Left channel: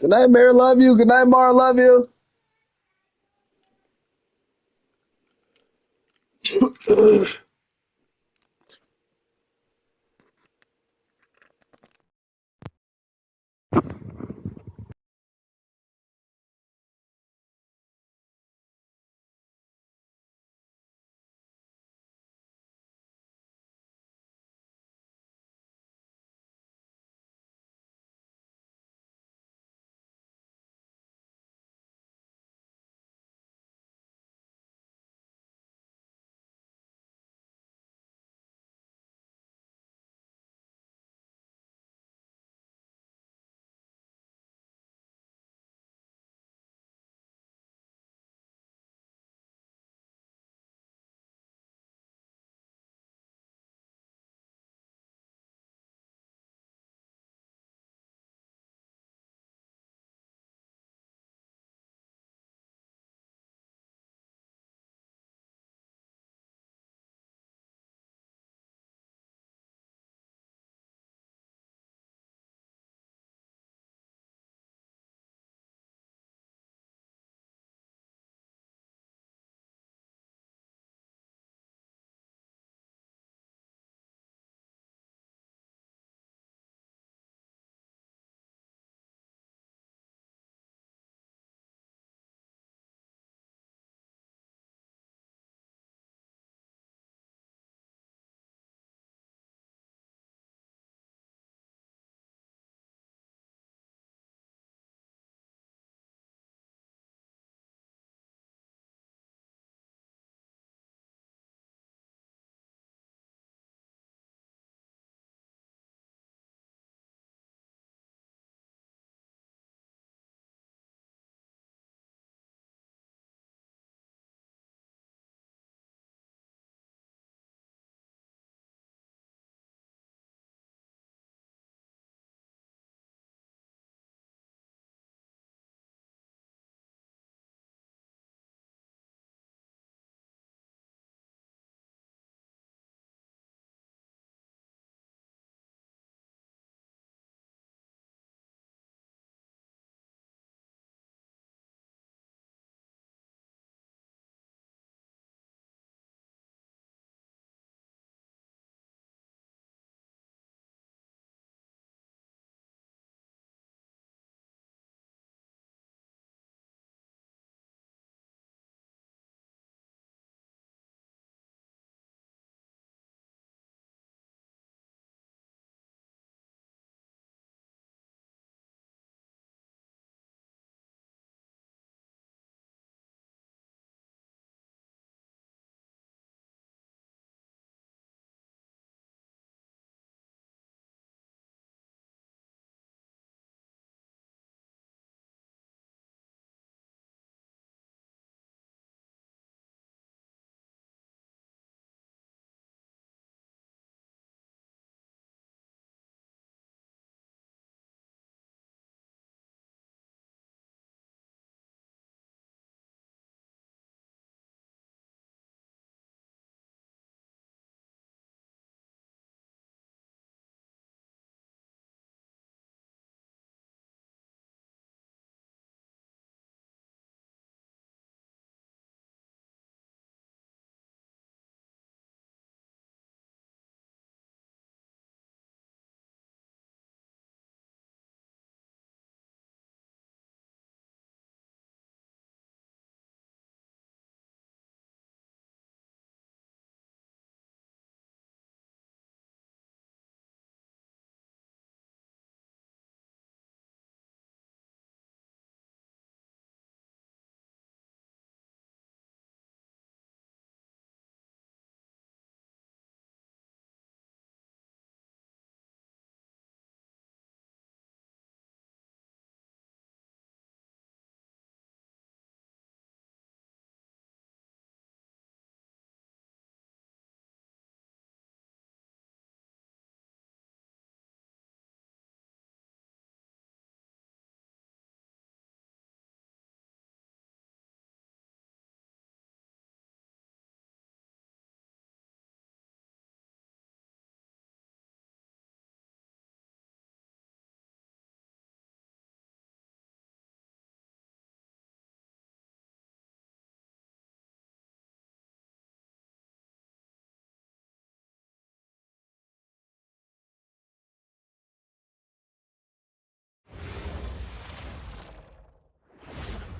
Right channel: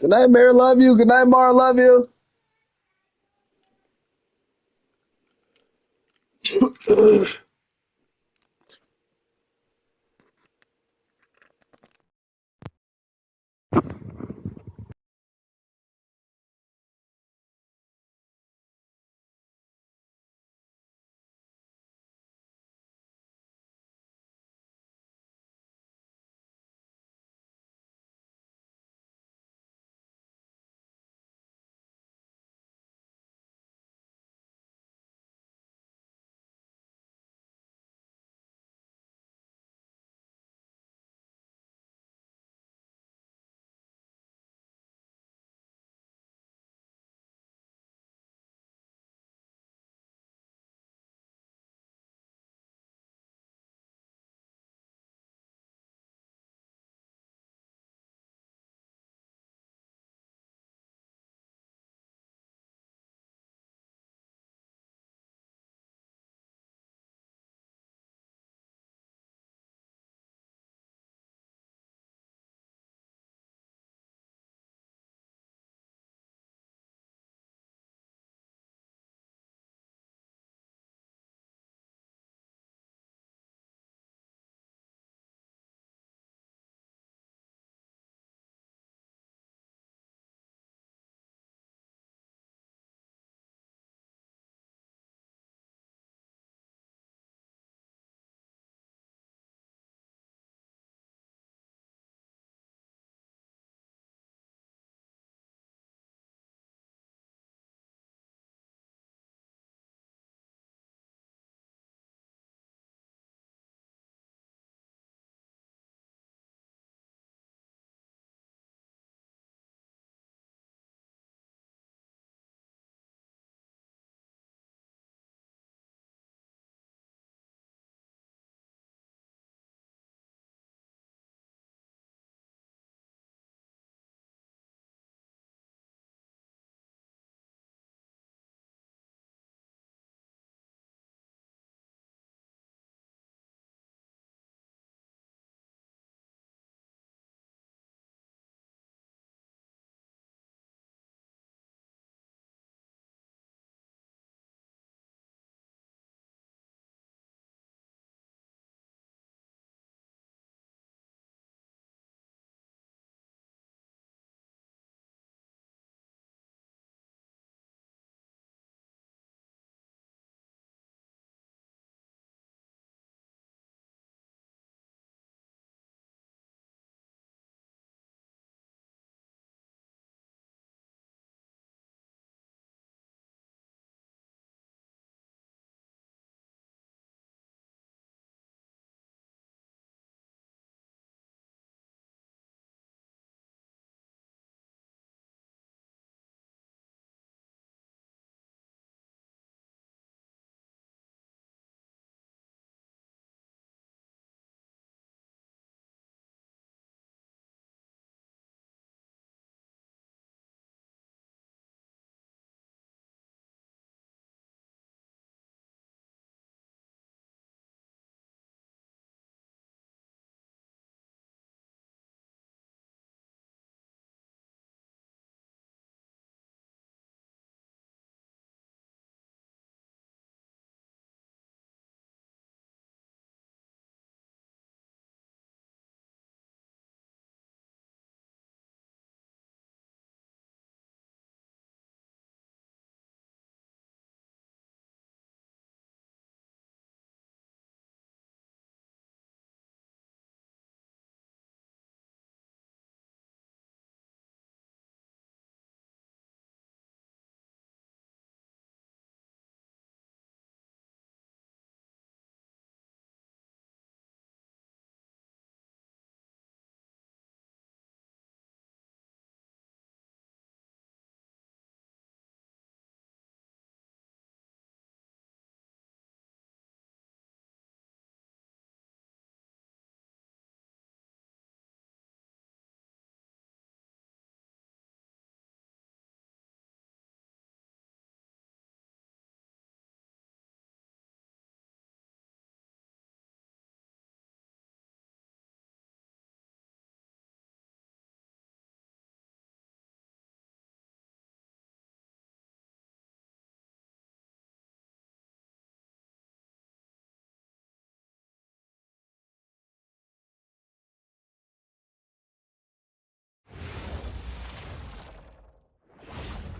Good night, Mary. Love you. Good night, Mara. Love you.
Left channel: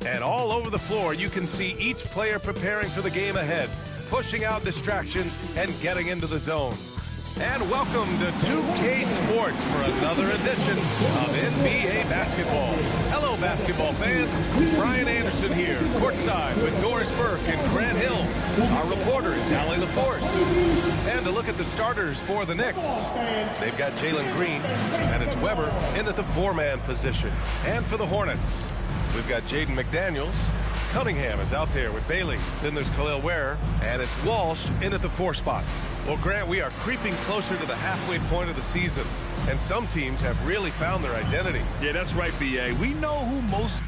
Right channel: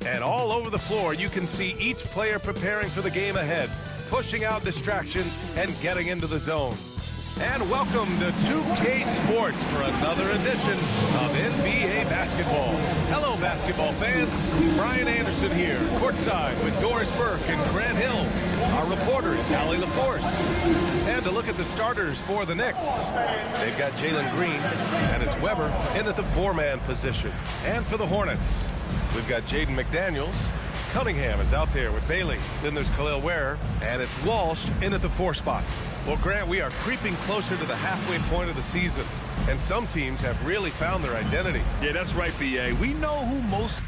And all over the floor, you can see each player preparing for the game ahead, pushing out distractions and getting into the zone. And welcome to 2K Sports for another edition of NBA basketball. Hello, basketball fans. Brian Anderson here, courtside with Doris Burke and Grant Hill. Our reporter is Allie LaForce. And to look at the starters for the Knicks, they've got JGreen, and it's Weber in at the four-man position. And for the Hornets, we've got Jaden McDaniels. Cunningham is out there with Bailey. Then there's Khalil Ware, and it's Walsh in at the four spot. Well, Grant, we are creeping closer to the halfway point of the season, and some teams have really found their identity. Yeah, that's right, B.A. We know who most...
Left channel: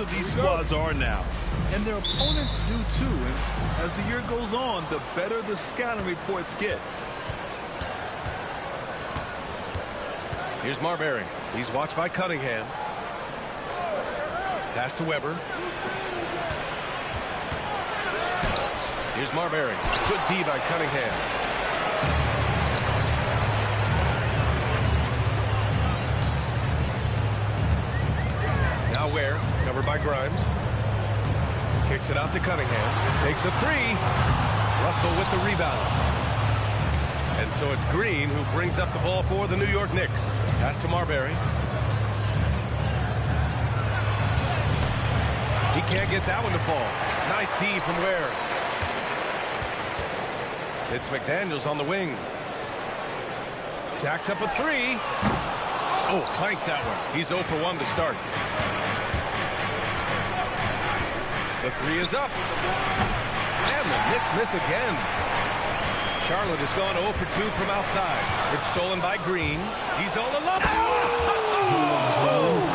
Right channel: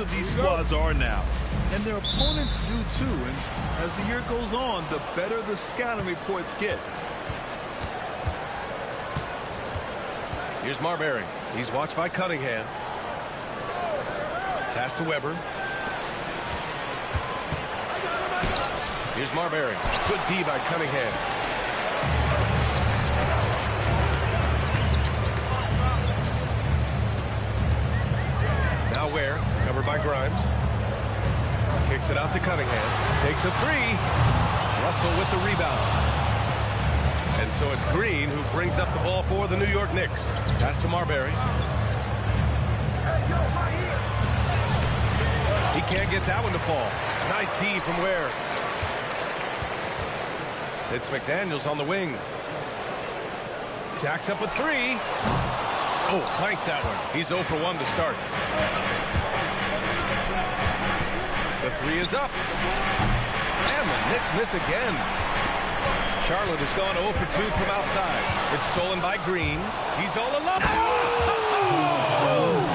of these squads are now, and their opponents do too. And as the year goes on, the better the scouting reports get. Here's Marbury. He's watched by Cunningham. Pass to Weber. Here's Marbury. Good D by Cunningham. Now Ware, covered by Grimes. Kicks it out to Cunningham. Takes a three. Russell with the rebound. And so it's Green who brings up the ball for the New York Knicks. Pass to Marbury. He can't get that one to fall. Nice D from Ware. It's McDaniels on the wing. Jacks up a three. Oh, clanks that one. He's 0 for 1 to start. The three is up. And the Knicks miss again. Charlotte has gone 0 for 2 from outside. It's stolen by Green. He's all alone. Oh!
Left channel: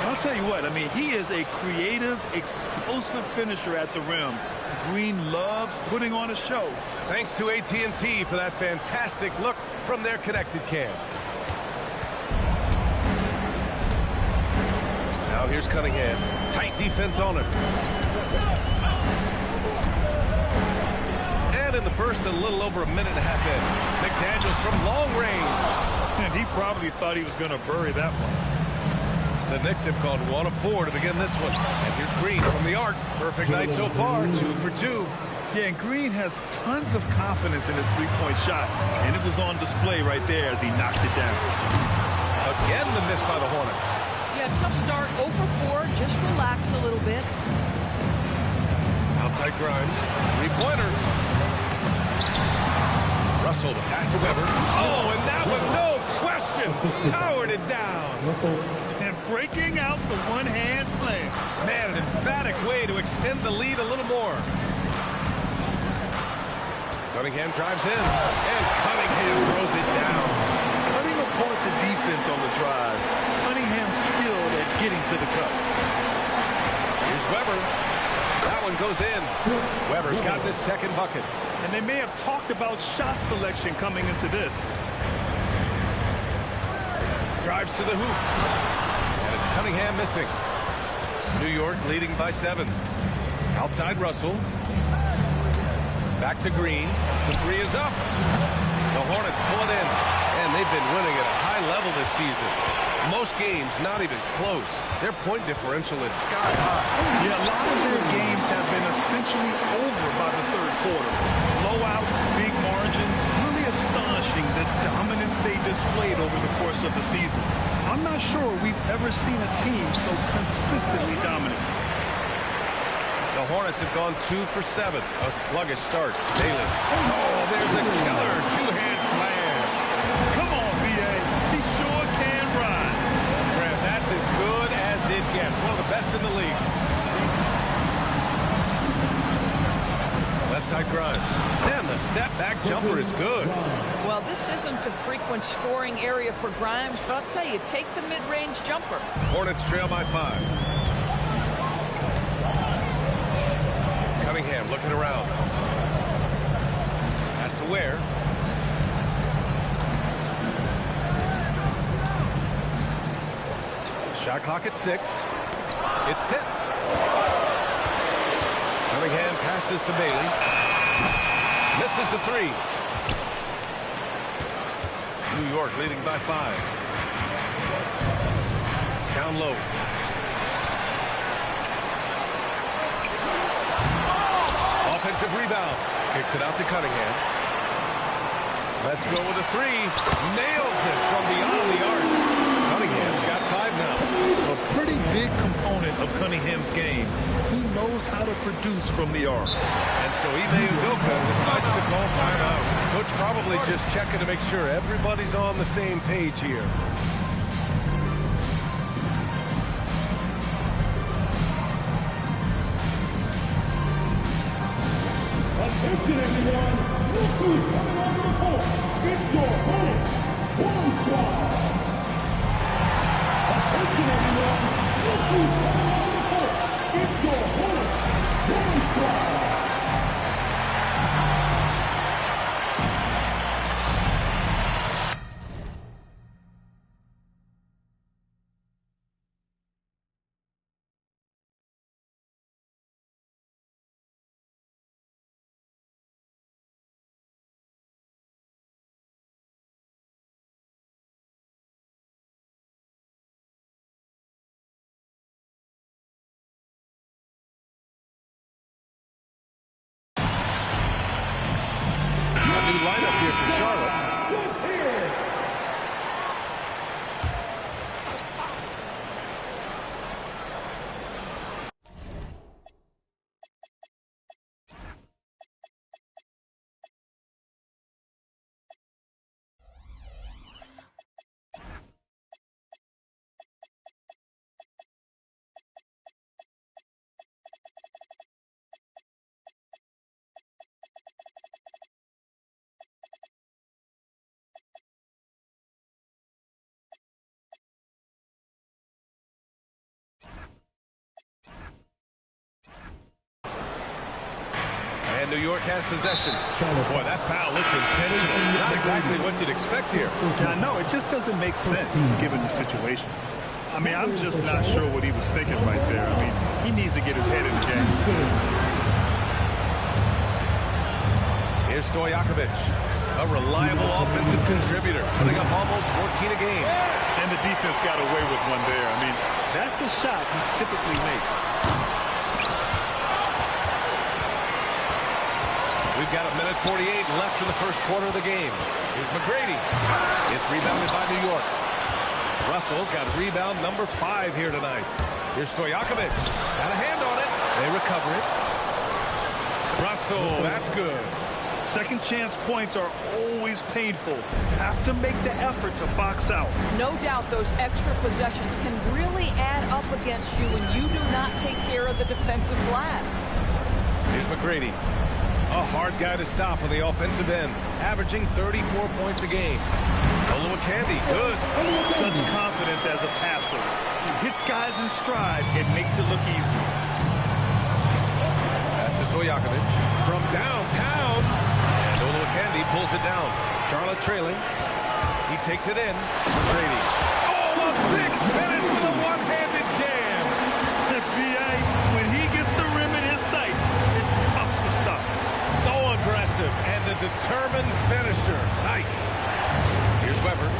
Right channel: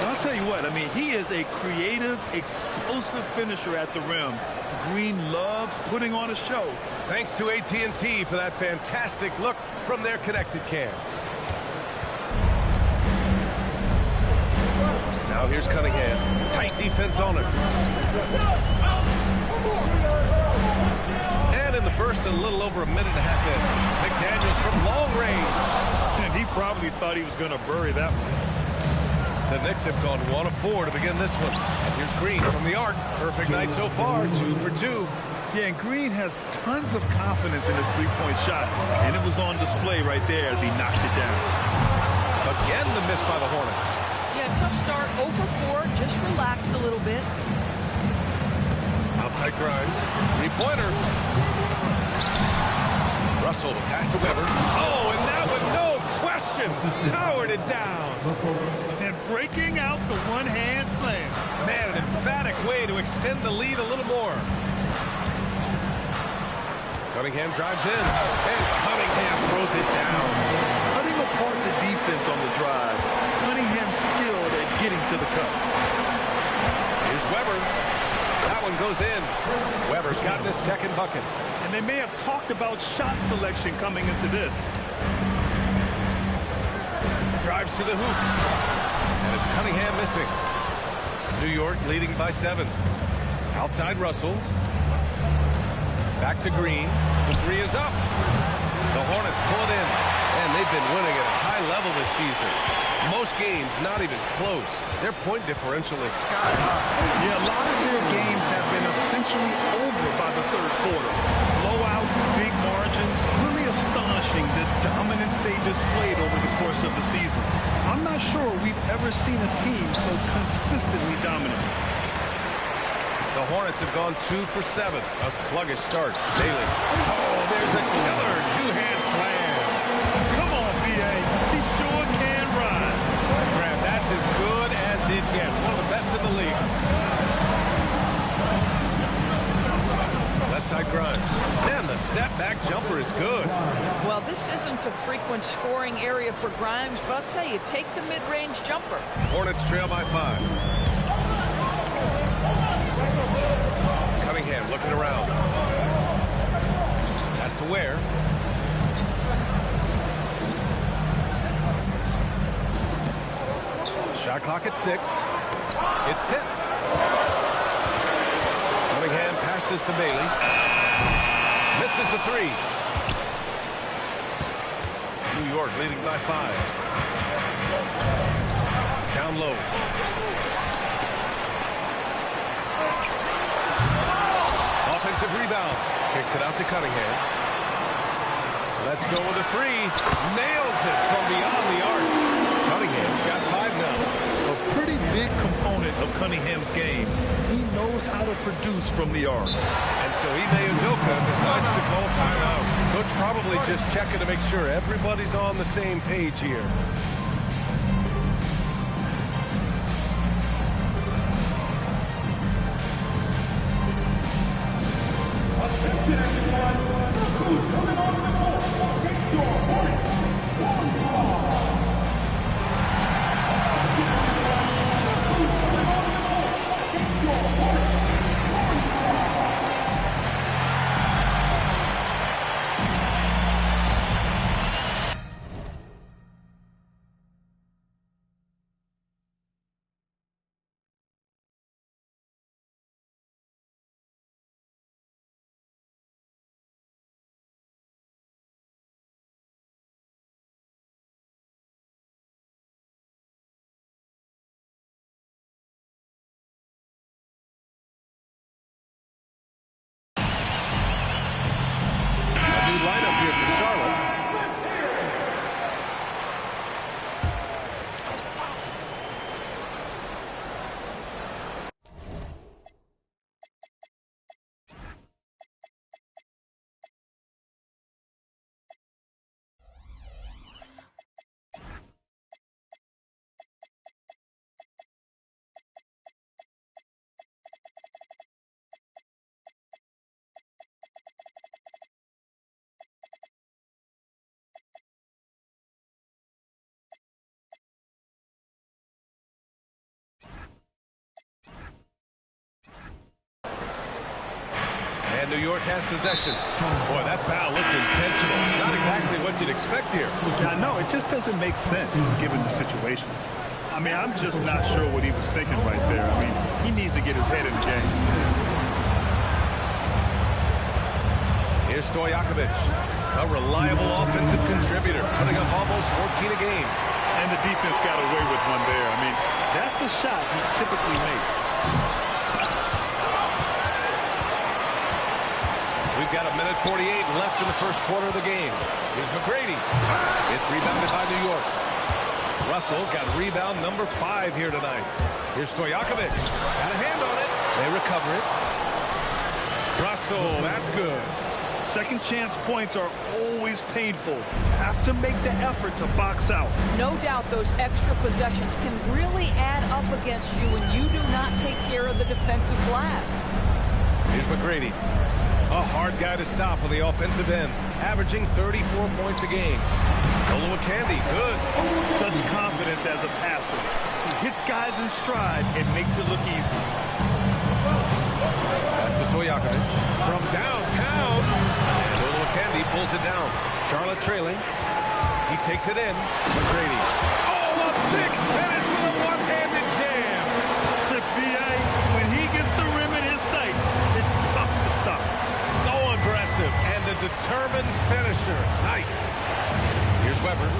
And I'll tell you what, I mean, he is a creative, explosive finisher at the rim. Green loves putting on a show. Thanks to AT&T for that fantastic look from their connected cam. Now here's Cunningham. Tight defense on him. And in the first, a little over a minute and a half in. McDaniels from long range. And he probably thought he was going to bury that one. The Knicks have gone 1 of 4 to begin this one. And here's Green from the arc. Perfect night so far, 2 for 2. Yeah, and Green has tons of confidence in his three-point shot. And it was on display right there as he knocked it down. Again, the miss by the Hornets. Yeah, tough start, 0 for 4. Just relax a little bit. Outside Grimes. Three-pointer. Russell, the pass to Weber. Oh, and that one, no question, powered it down. And breaking out the one-hand slam. Man, an emphatic way to extend the lead a little more. Cunningham drives in, and Cunningham throws it down. Cutting apart the defense on the drive. Cunningham skilled at getting to the cup. Here's Weber. That one goes in. Weber's gotten his second bucket. And they may have talked about shot selection coming into this. Drives to the hoop. And it's Cunningham missing. New York leading by 7. Outside Russell. Back to Green. The three is up. The Hornets pull it in, and they've been winning at a high level this season. Most games not even close. Their point differential is sky high. Yeah, a lot of their games have been essentially over by the third quarter. Blowouts, big margins, really astonishing the dominance they displayed over the course of the season. I'm not sure we've ever seen a team so consistently dominant. The Hornets have gone 2 for 7. A sluggish start. Bailey. Oh, there's a killer two-hand slam. Come on, B.A. He sure can rise. Graham, that's as good as it gets. One of the best in the league. Left side Grimes. Then the step-back jumper is good. Well, this isn't a frequent scoring area for Grimes, but I'll tell you, take the mid-range jumper. Hornets trail by 5. Cunningham looking around. Pass to Ware. Shot clock at 6. It's tipped. Cunningham passes to Bailey. Misses the 3. New York leading by 5. Down low. Offensive rebound. Kicks it out to Cunningham. Let's go with a 3. Nails it from beyond the arc. Cunningham's got 5 now. A pretty big component of Cunningham's game. He knows how to produce from the arc. And so Ime Udoka decides to call timeout. Coach probably just checking to make sure everybody's on the same page here. Attention everyone, look who's coming on the court. It's your Hornets Swarm Squad. Attention everyone, look who's coming on the court. It's your Hornets Swarm Squad. New lineup here for Charlotte. Let's hear it. And New York has possession. Boy, that foul looked intentional. Not exactly what you'd expect here. Yeah, I know. It just doesn't make sense given the situation. I mean, I'm just not sure what he was thinking right there. I mean, he needs to get his head in the game. Here's Stojakovic, a reliable offensive contributor, putting up almost 14 a game. And the defense got away with one there. I mean, that's a shot he typically makes. We've got 1:48 left in the first quarter of the game. Here's McGrady. It's rebounded by New York. Russell's got rebound number 5 here tonight. Here's Stojakovic. Got a hand on it. They recover it. Russell, that's good. Second chance points are always painful. Have to make the effort to box out. No doubt those extra possessions can really add up against you when you do not take care of the defensive glass. Here's McGrady. A hard guy to stop on the offensive end, averaging 34 points a game. Olowokandi, good. Such confidence as a passer. He hits guys in stride and makes it look easy. Pass to Stojakovic from downtown. And Olowokandi pulls it down. Charlotte trailing. He takes it in. McGrady. Oh, a big finish with a one-handed jam. B.A., when he gets the rim in his sights, it's tough to stop. So aggressive. aggressive and a determined finisher. Nice. Here's Weber.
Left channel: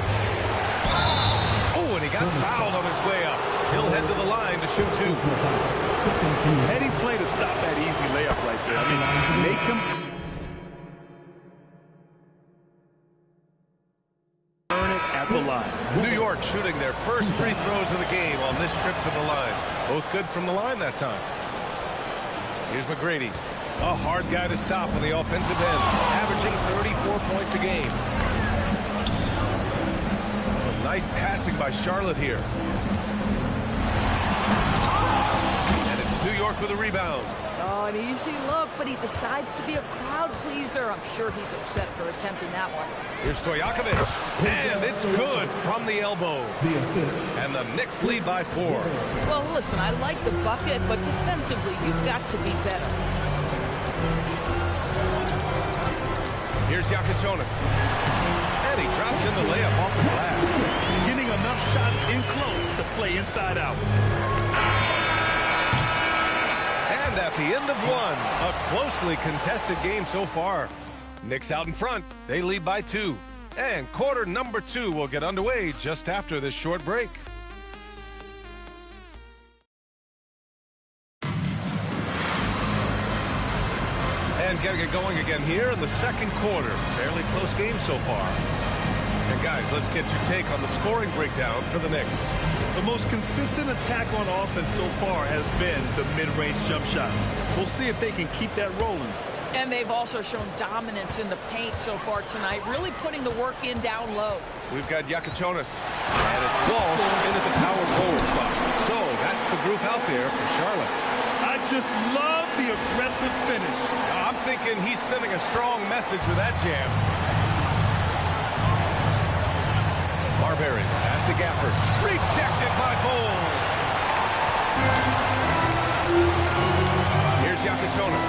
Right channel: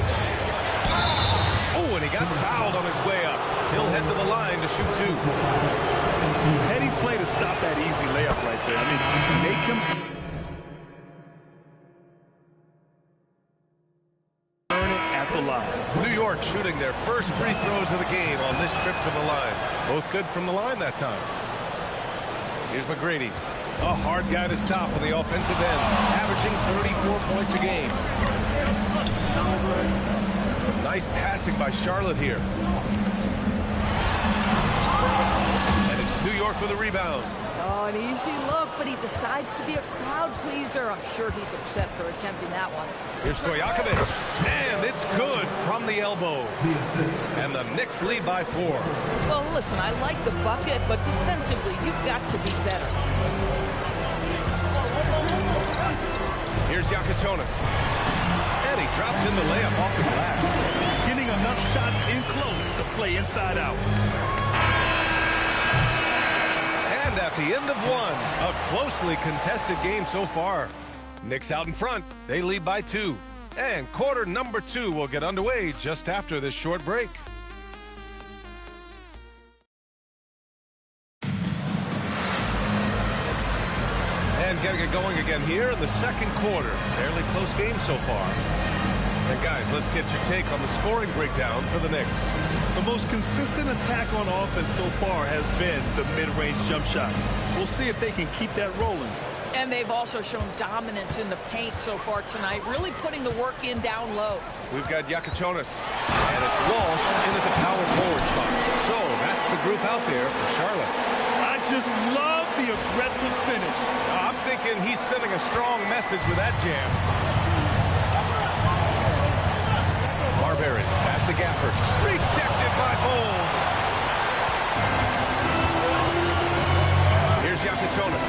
Oh, and he got fouled on his way up. He'll head to the line to shoot 2. Heady play to stop that easy layup right there. I mean, make him earn it at the line. New York shooting their first free throws of the game on this trip to the line. Both good from the line that time. Here's McGrady. A hard guy to stop on the offensive end, averaging 34 points a game. Some nice passing by Charlotte here. And it's New York with a rebound. Oh, an easy look, but he decides to be a crowd pleaser. I'm sure he's upset for attempting that one. Here's Stojakovic, and it's good from the elbow. And the Knicks lead by 4. Well, listen, I like the bucket, but defensively, you've got to be better. Here's Yakichonis. And he drops in the layup off the glass. Getting enough shots in close to play inside out. And at the end of one, a closely contested game so far. Knicks out in front. They lead by 2. And quarter number 2 will get underway just after this short break. And getting it going again here in the second quarter. Fairly close game so far. And guys, let's get your take on the scoring breakdown for the Knicks. The most consistent attack on offense so far has been the mid-range jump shot. We'll see if they can keep that rolling. And they've also shown dominance in the paint so far tonight, really putting the work in down low. We've got Yakichonis, and it's Walsh in at the power forward spot. So that's the group out there for Charlotte. I just love the aggressive finish. I'm thinking he's sending a strong message with that jam. Marbury, pass to Gafford. Rejected by Bull. Here's Yakichonis.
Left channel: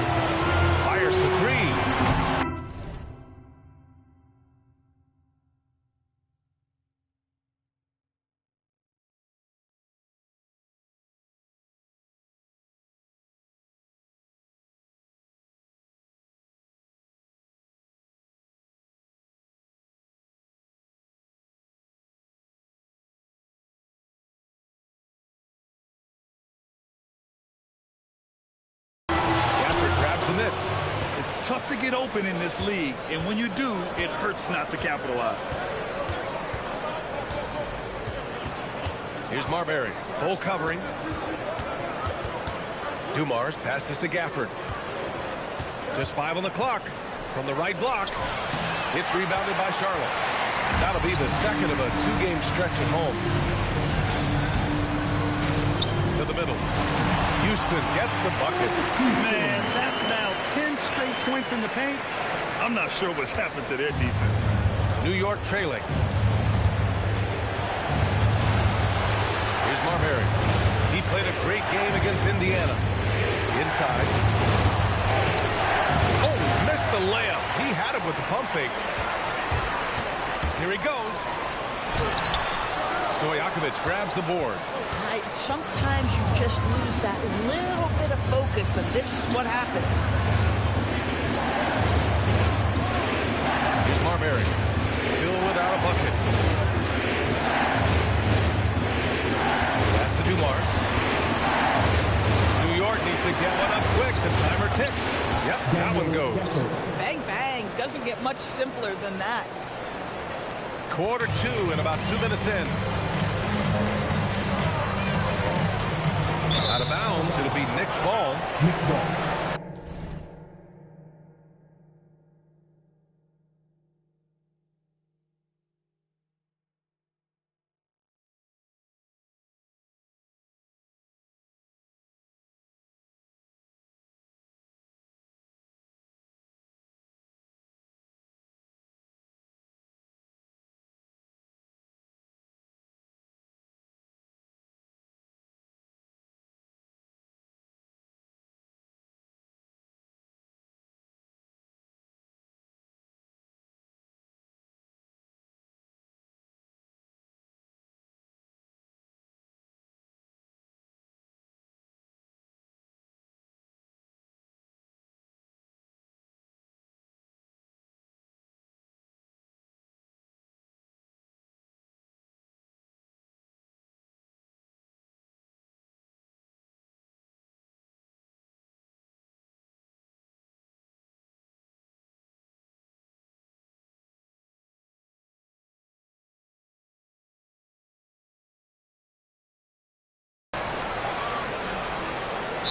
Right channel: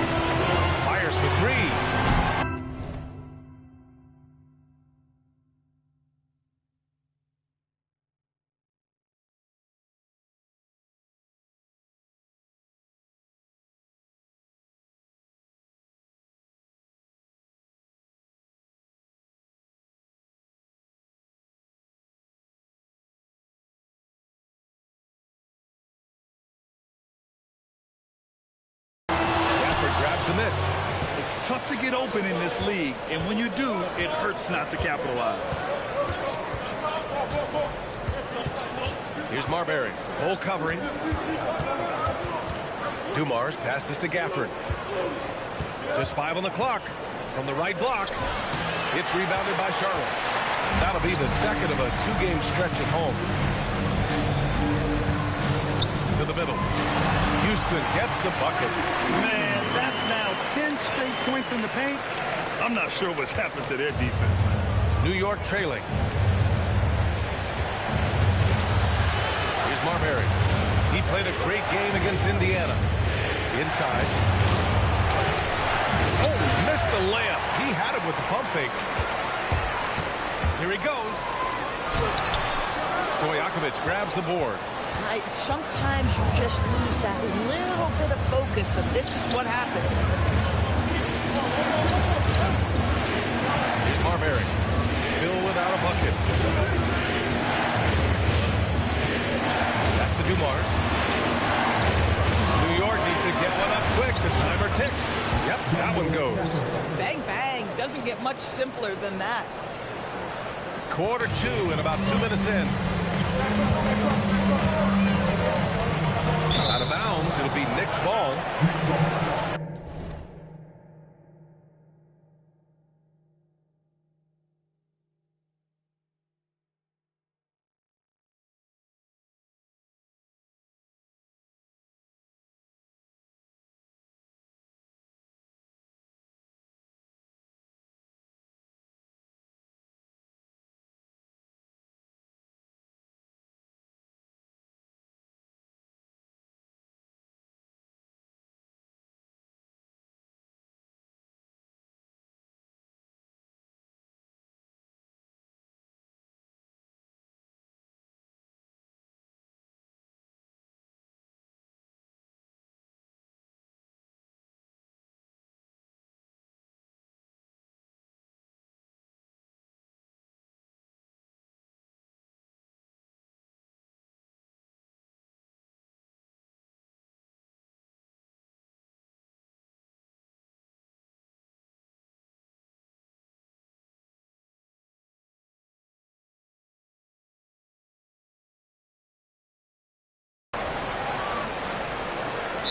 Fires for 3. Grabs the miss. It's tough to get open in this league, and when you do, it hurts not to capitalize. Here's Marbury. Bull covering. Dumars passes to Gafford. Just 5 on the clock. From the right block. It's rebounded by Charlotte. That'll be the second of a 2-game stretch at home. To the middle. Houston gets the bucket. Man, that's now 10 straight points in the paint. I'm not sure what's happened to their defense, man. New York trailing. Here's Marbury. He played a great game against Indiana. Inside. Oh, missed the layup. He had it with the pump fake. Here he goes. Stojakovic grabs the board. Sometimes you just lose that little bit of focus, and this is what happens. Here's Marbury. Still without a bucket. Pass to Dumars. New York needs to get one up quick. The timer ticks. Yep, that one goes. Bang, bang. Doesn't get much simpler than that. Quarter 2 and about 2 minutes in. Out of bounds, it'll be Knicks ball.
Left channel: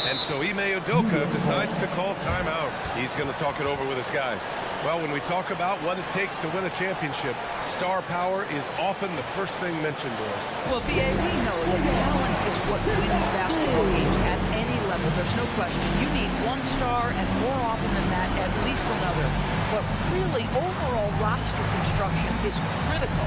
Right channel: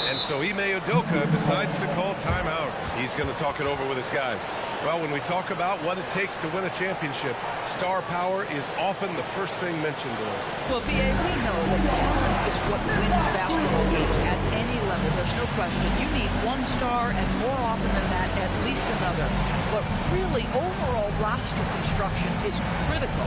And so Ime Udoka decides to call timeout. He's going to talk it over with his guys. Well, when we talk about what it takes to win a championship, star power is often the first thing mentioned to us. Well, B.A., we know that talent is what wins basketball games at any level. There's no question. You need one star, and more often than that, at least another. But really, overall roster construction is critical.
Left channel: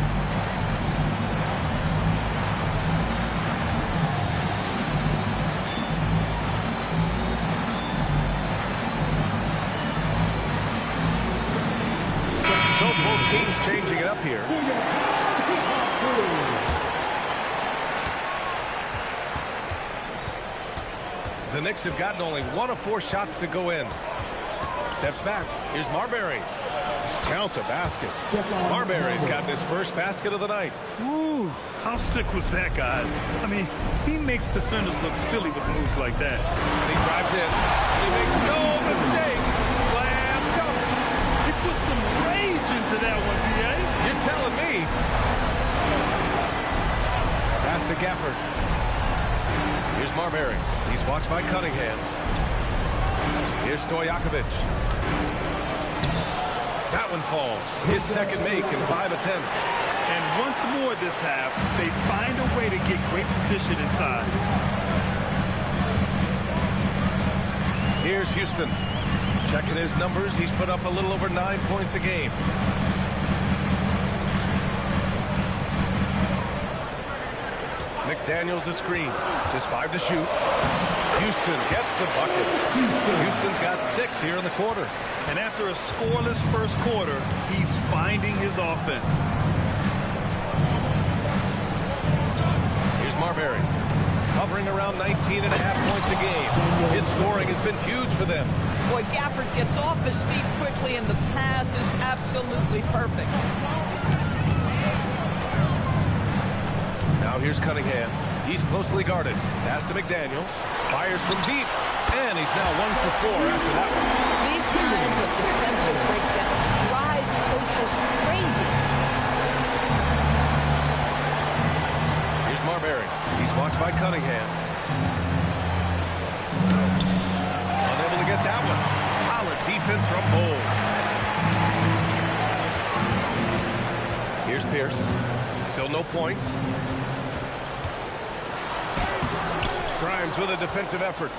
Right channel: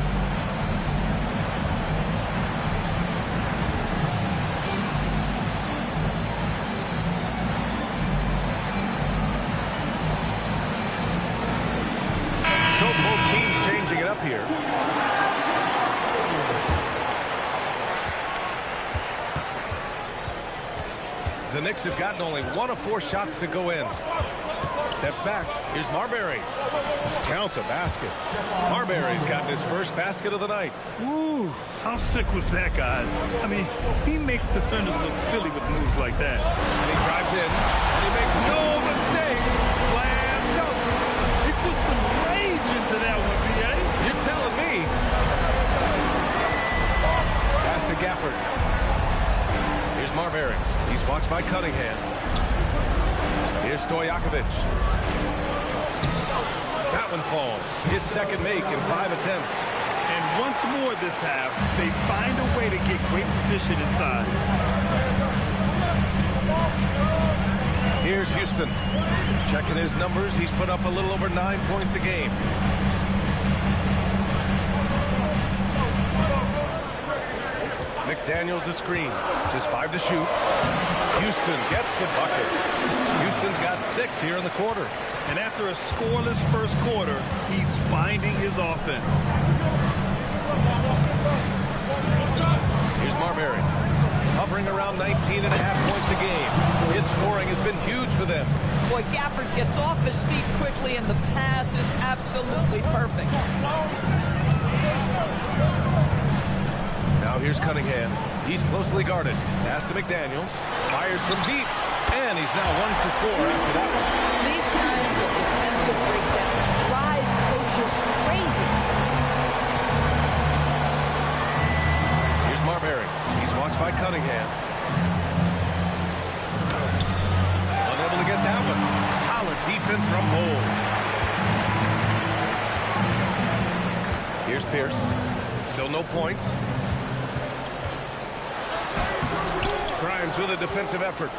So both teams changing it up here. The Knicks have gotten only 1 of 4 shots to go in. Steps back. Here's Marbury. Count the basket. Marbury's gotten his first basket of the night. Woo, how sick was that, guys? I mean, he makes defenders look silly with moves like that. And he drives in, and he makes no mistake. Slam dunk. He put some rage into that one, B.A. You're telling me. Pass to Gafford. Here's Marbury. He's watched by Cunningham. Here's Stojakovic. That one falls. His second make in 5 attempts. And once more this half, they find a way to get great position inside. Here's Houston. Checking his numbers, he's put up a little over 9 points a game. McDaniels a screen. Just 5 to shoot. Houston gets the bucket. Houston's got 6 here in the quarter. And after a scoreless first quarter, he's finding his offense. Here's Marbury. Hovering around 19.5 points a game. His scoring has been huge for them. Boy, Gafford gets off his feet quickly, and the pass is absolutely perfect. Now here's Cunningham. He's closely guarded. Pass to McDaniels. Fires from deep. And he's now 1 for 4 after that one. These kinds of defensive breakdowns drive coaches crazy. Here's Marbury. He's watched by Cunningham. Unable to get that one. Solid defense from Bull. Here's Pierce. Still no points. Grimes with a defensive effort.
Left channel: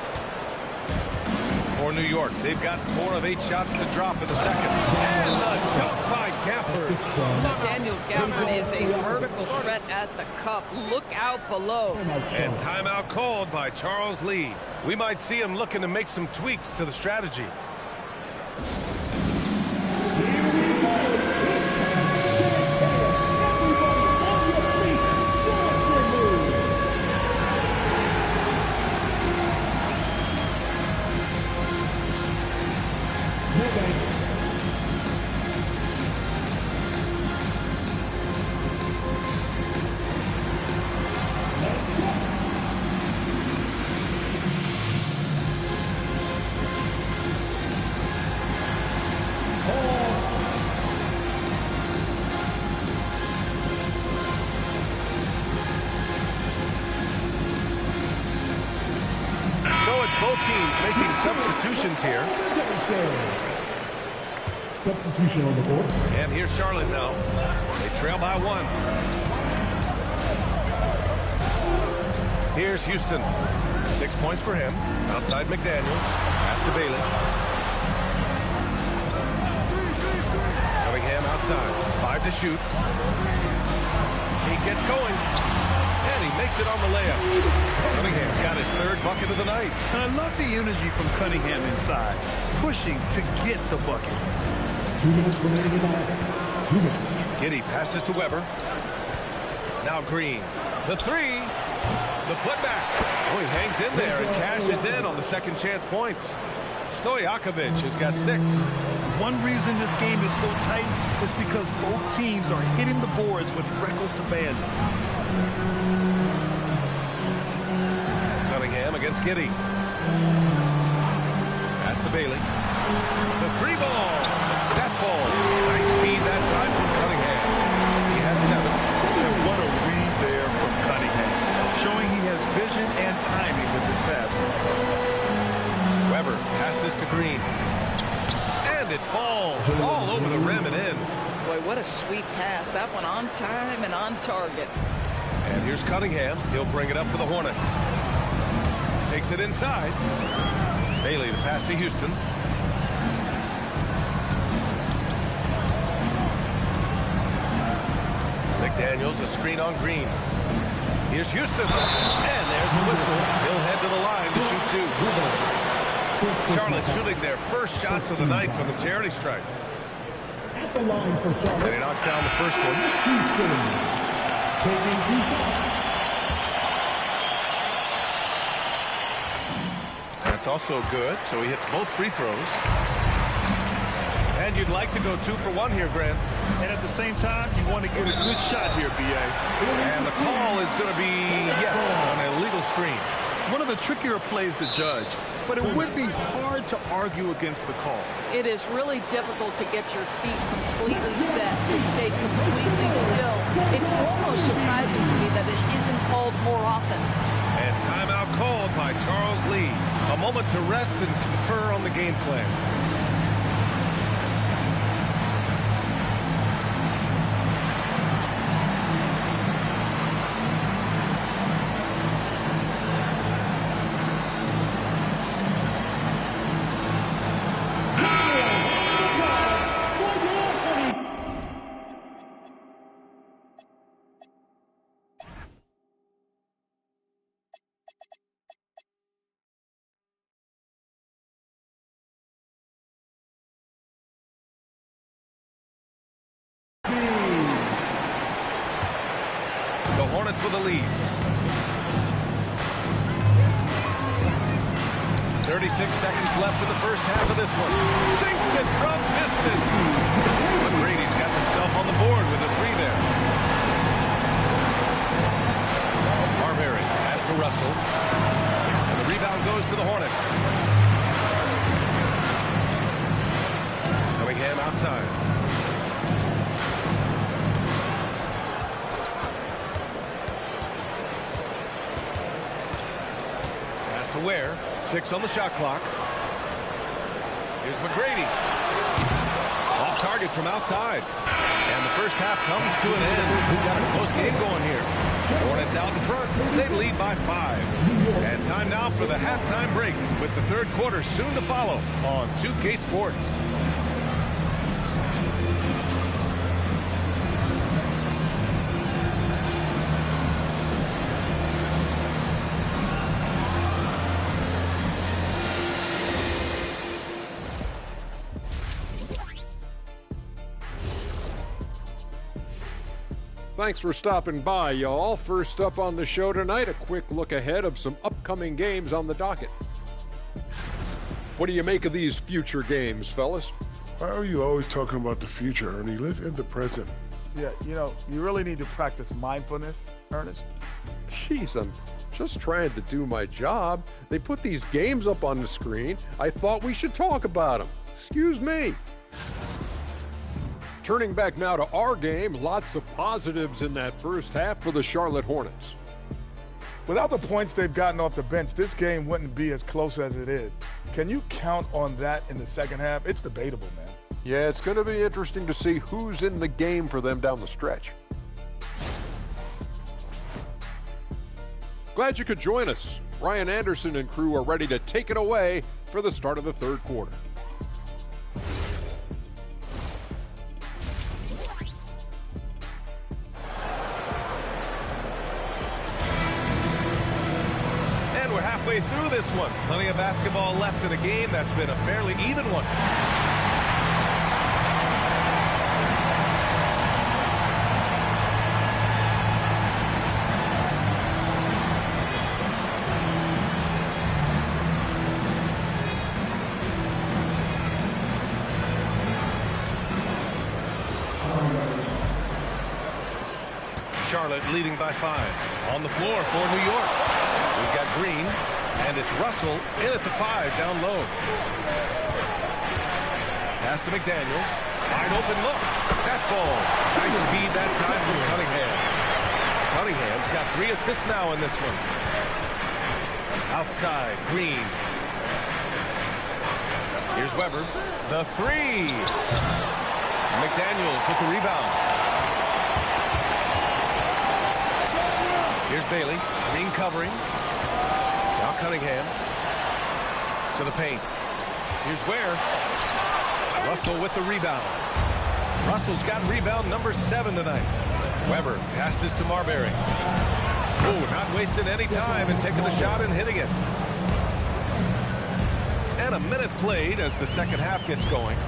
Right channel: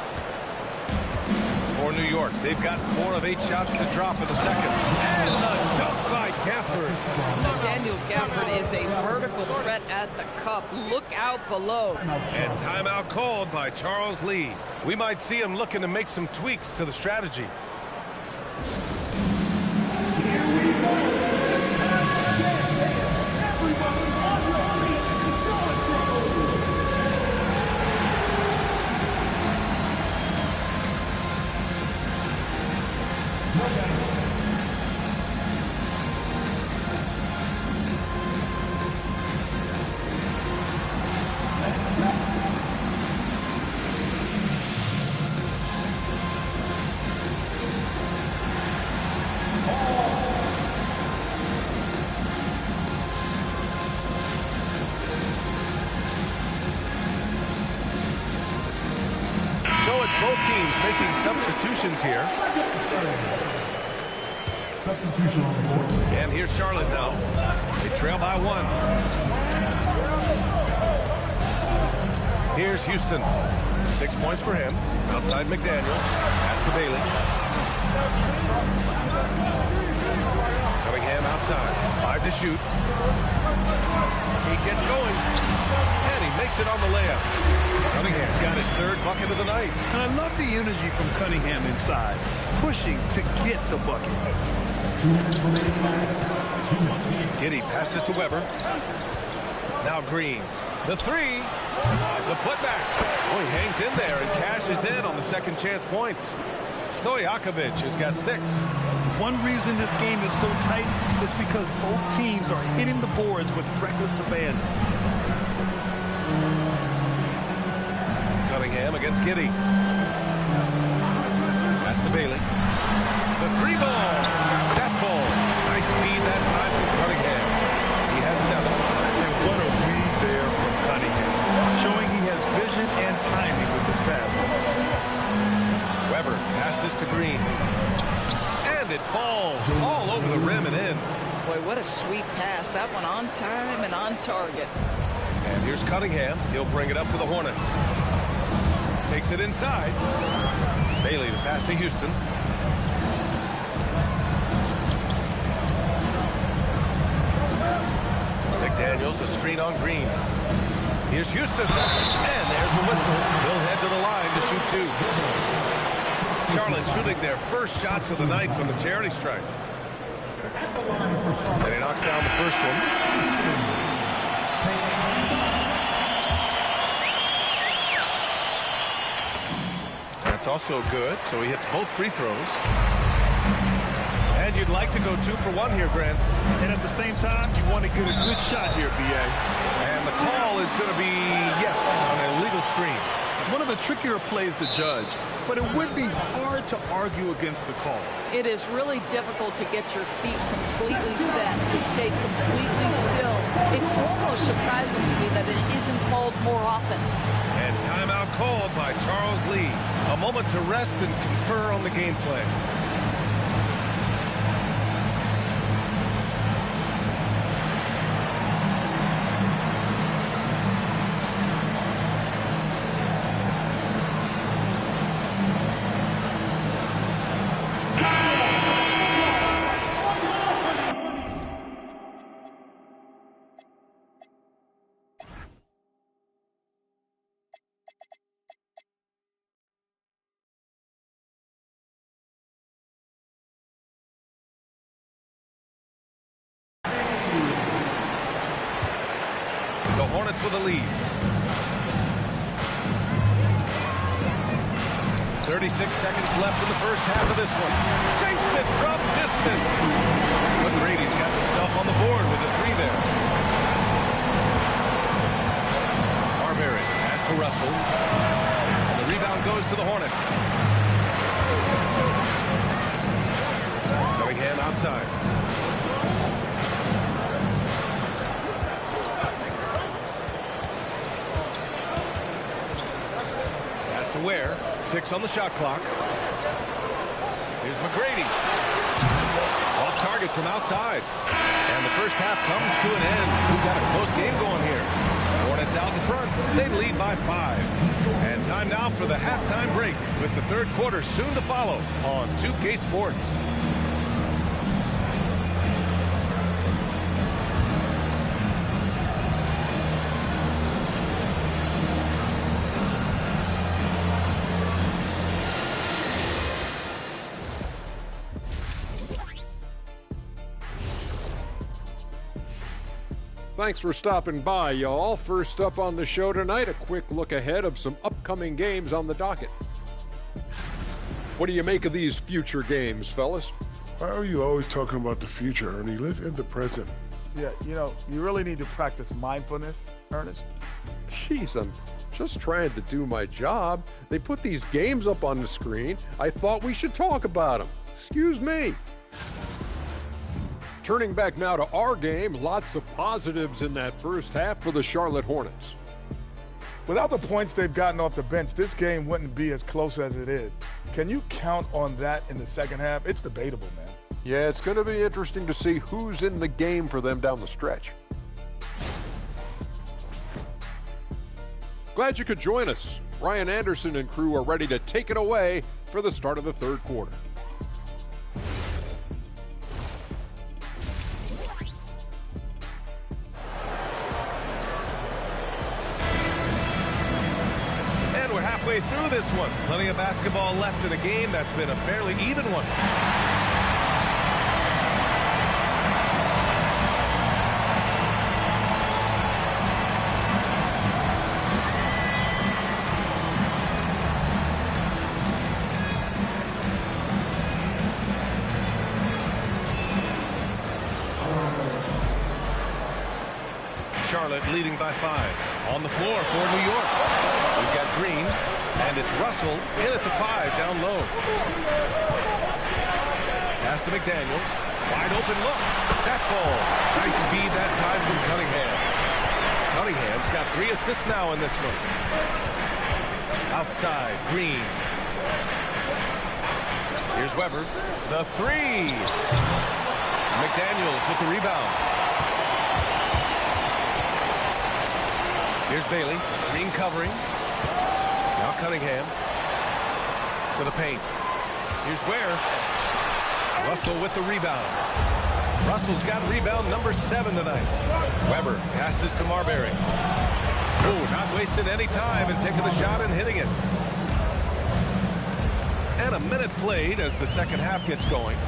For New York, they've got 4 of 8 shots to drop in the second. And the dunk by Gafford. Daniel Gafford is a vertical threat at the cup. Look out below. And timeout called by Charles Lee. We might see him looking to make some tweaks to the strategy. So it's both teams making substitutions here. Substitution on the board. And here's Charlotte now. They trail by 1. Here's Houston. 6 points for him. Outside McDaniels. Pass to Bailey. Cunningham outside. 5 to shoot. Cade gets going. And he makes it on the layup. Cunningham's got his 3rd bucket of the night. And I love the energy from Cunningham inside, pushing to get the bucket. 2 minutes remaining in the 2 minutes. Giddey passes to Weber. Now Green. The 3. The putback. Oh, he hangs in there and cashes in on the second chance points. Stojakovic has got 6. One reason this game is so tight is because both teams are hitting the boards with reckless abandon. Cunningham against Giddey. Pass to Bailey. The 3 ball. That falls. Nice feed that time from Cunningham. He has 7. And what a read there from Cunningham, showing he has vision and timing with his passes. Weber passes to Green. And it falls all over the rim and in. Boy, what a sweet pass. That one on time and on target. And here's Cunningham. He'll bring it up for the Hornets. Takes it inside. Bailey, the pass to Houston. McDaniels, a screen on Green. Here's Houston. And there's a whistle. He'll head to the line to shoot two. Charlotte shooting their first shots of the night from the charity stripe. And he knocks down the first one. That's also good, so he hits both free throws. And you'd like to go 2 for 1 here, Grant. And at the same time, you want to get a good shot here, B.A. And the call is going to be, yes, an illegal screen. One of the trickier plays to judge, but it would be hard to argue against the call. It is really difficult to get your feet completely set, to stay completely still. It's almost surprising to me that it isn't called more often. And timeout called by Charles Lee. A moment to rest and confer on the game plan. The Hornets with a lead. 36 seconds left in the first half of this one. Sinks it from distance. McGrady's got himself on the board with a 3 there. Marbury pass to Russell. And the rebound goes to the Hornets. Cunningham outside. To Ware, 6 on the shot clock. Here's McGrady. Off target from outside. And the first half comes to an end. We've got a close game going here. Hornets out in front. They lead by 5. And time now for the halftime break with the third quarter soon to follow on 2K Sports. Thanks for stopping by, y'all. First up on the show tonight, a quick look ahead of some upcoming games on the docket. What do you make of these future games, fellas? Why are you always talking about the future, Ernie? Live in the present. Yeah, you know, you really need to practice mindfulness, Ernest. Jeez, I'm just trying to do my job. They put these games up on the screen. I thought we should talk about them. Excuse me. Turning back now to our game, lots of positives in that first half for the Charlotte Hornets. Without the points they've gotten off the bench, this game wouldn't be as close as it is. Can you count on that in the second half? It's debatable, man. Yeah, it's going to be interesting to see who's in the game for them down the stretch. Glad you could join us. Ryan Anderson and crew are ready to take it away for the start of the third quarter. And we're halfway through this one. Plenty of basketball left in a game that's been a fairly even one. Charlotte leading by 5. On the floor for New York. We've got Green, and it's Russell in at the 5 down low. Pass to McDaniels. Wide open look. That falls. Nice speed that time from Cunningham. Cunningham's got 3 assists now in this one. Outside, Green. Here's Weber. The three. McDaniels with the rebound. Here's Bailey. Green covering. Now Cunningham. To the paint. Here's Ware. Russell with the rebound. Russell's got rebound number 7 tonight. Weber passes to Marbury. Oh, not wasting any time and taking the shot and hitting it. And a minute played as the second half gets going.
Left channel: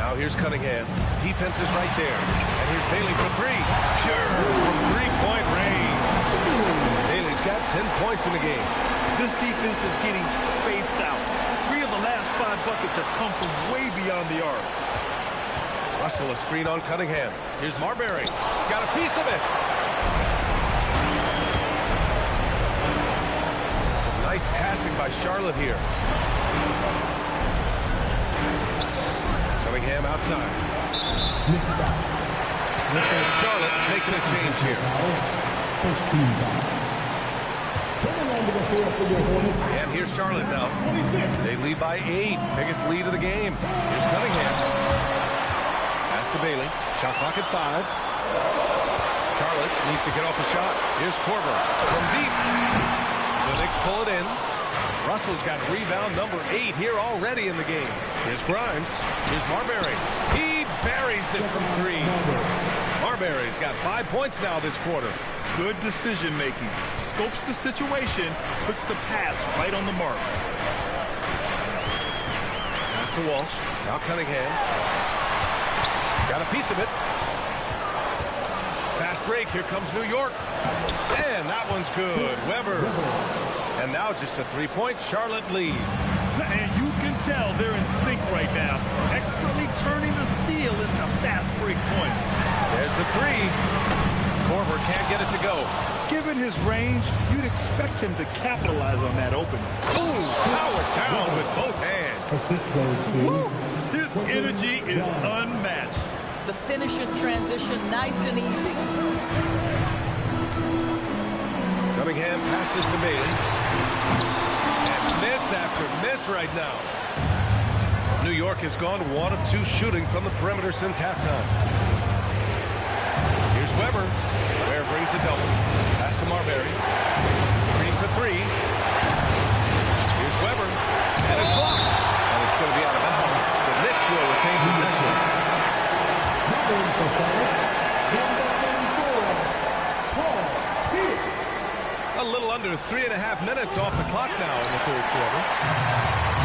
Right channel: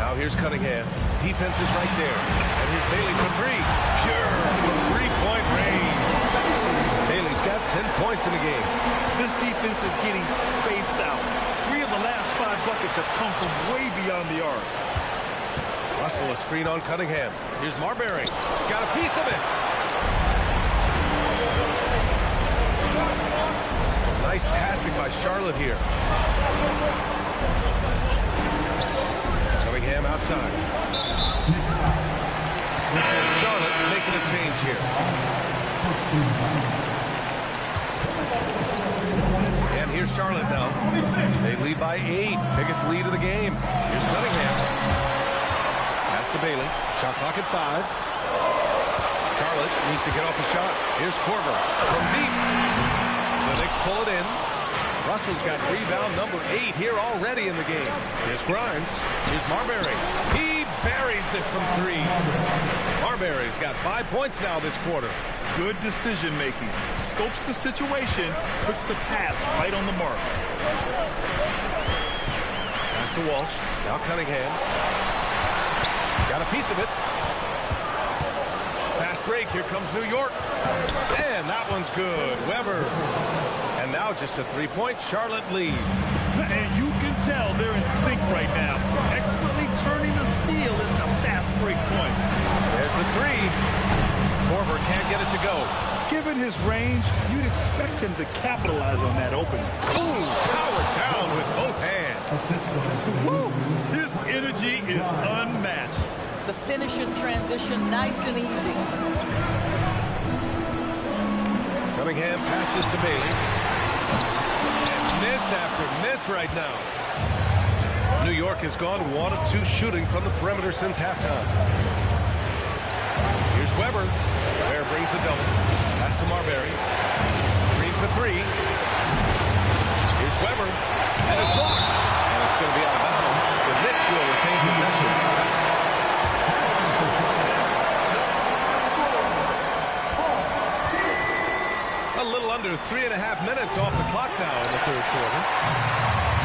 Now here's Cunningham. Defense is right there. And here's Bailey for three. Pure from three-point range. Bailey's got 10 points in the game. This defense is getting spaced out. 3 of the last 5 buckets have come from way beyond the arc. Russell a screen on Cunningham. Here's Marbury. Got a piece of it. Some nice passing by Charlotte here. Cunningham outside. And Charlotte making a change here. And here's Charlotte now. They lead by 8. Biggest lead of the game. Here's Cunningham. Pass to Bailey. Shot clock at 5. Charlotte needs to get off a shot. Here's Korver from deep. The Knicks pull it in. Russell's got rebound number 8 here already in the game. Here's Grimes. Here's Marbury. He buries it from 3. Marbury's got 5 points now this quarter. Good decision making. Scopes the situation, puts the pass right on the mark. Pass to Walsh. Now Cunningham. Got a piece of it. Fast break. Here comes New York. And that one's good. Weber. And now just a 3-point Charlotte lead. And you can tell they're in sync right now. Expertly turning the steal into fast break points. There's the 3. Korver can't get it to go. Given his range, you'd expect him to capitalize on that opening. Ooh, powered down with both hands. Woo! His energy is unmatched. The finish in transition, nice and easy. Cunningham passes to Bailey. And miss after miss right now. New York has gone 1 of 2 shooting from the perimeter since halftime. Here's Weber. Ware brings the double. Pass to Marbury. Green for 3. Here's Weber. And it's blocked. And it's going to be out of bounds. The Knicks will retain possession. A little under 3.5 minutes off the clock now in the third quarter.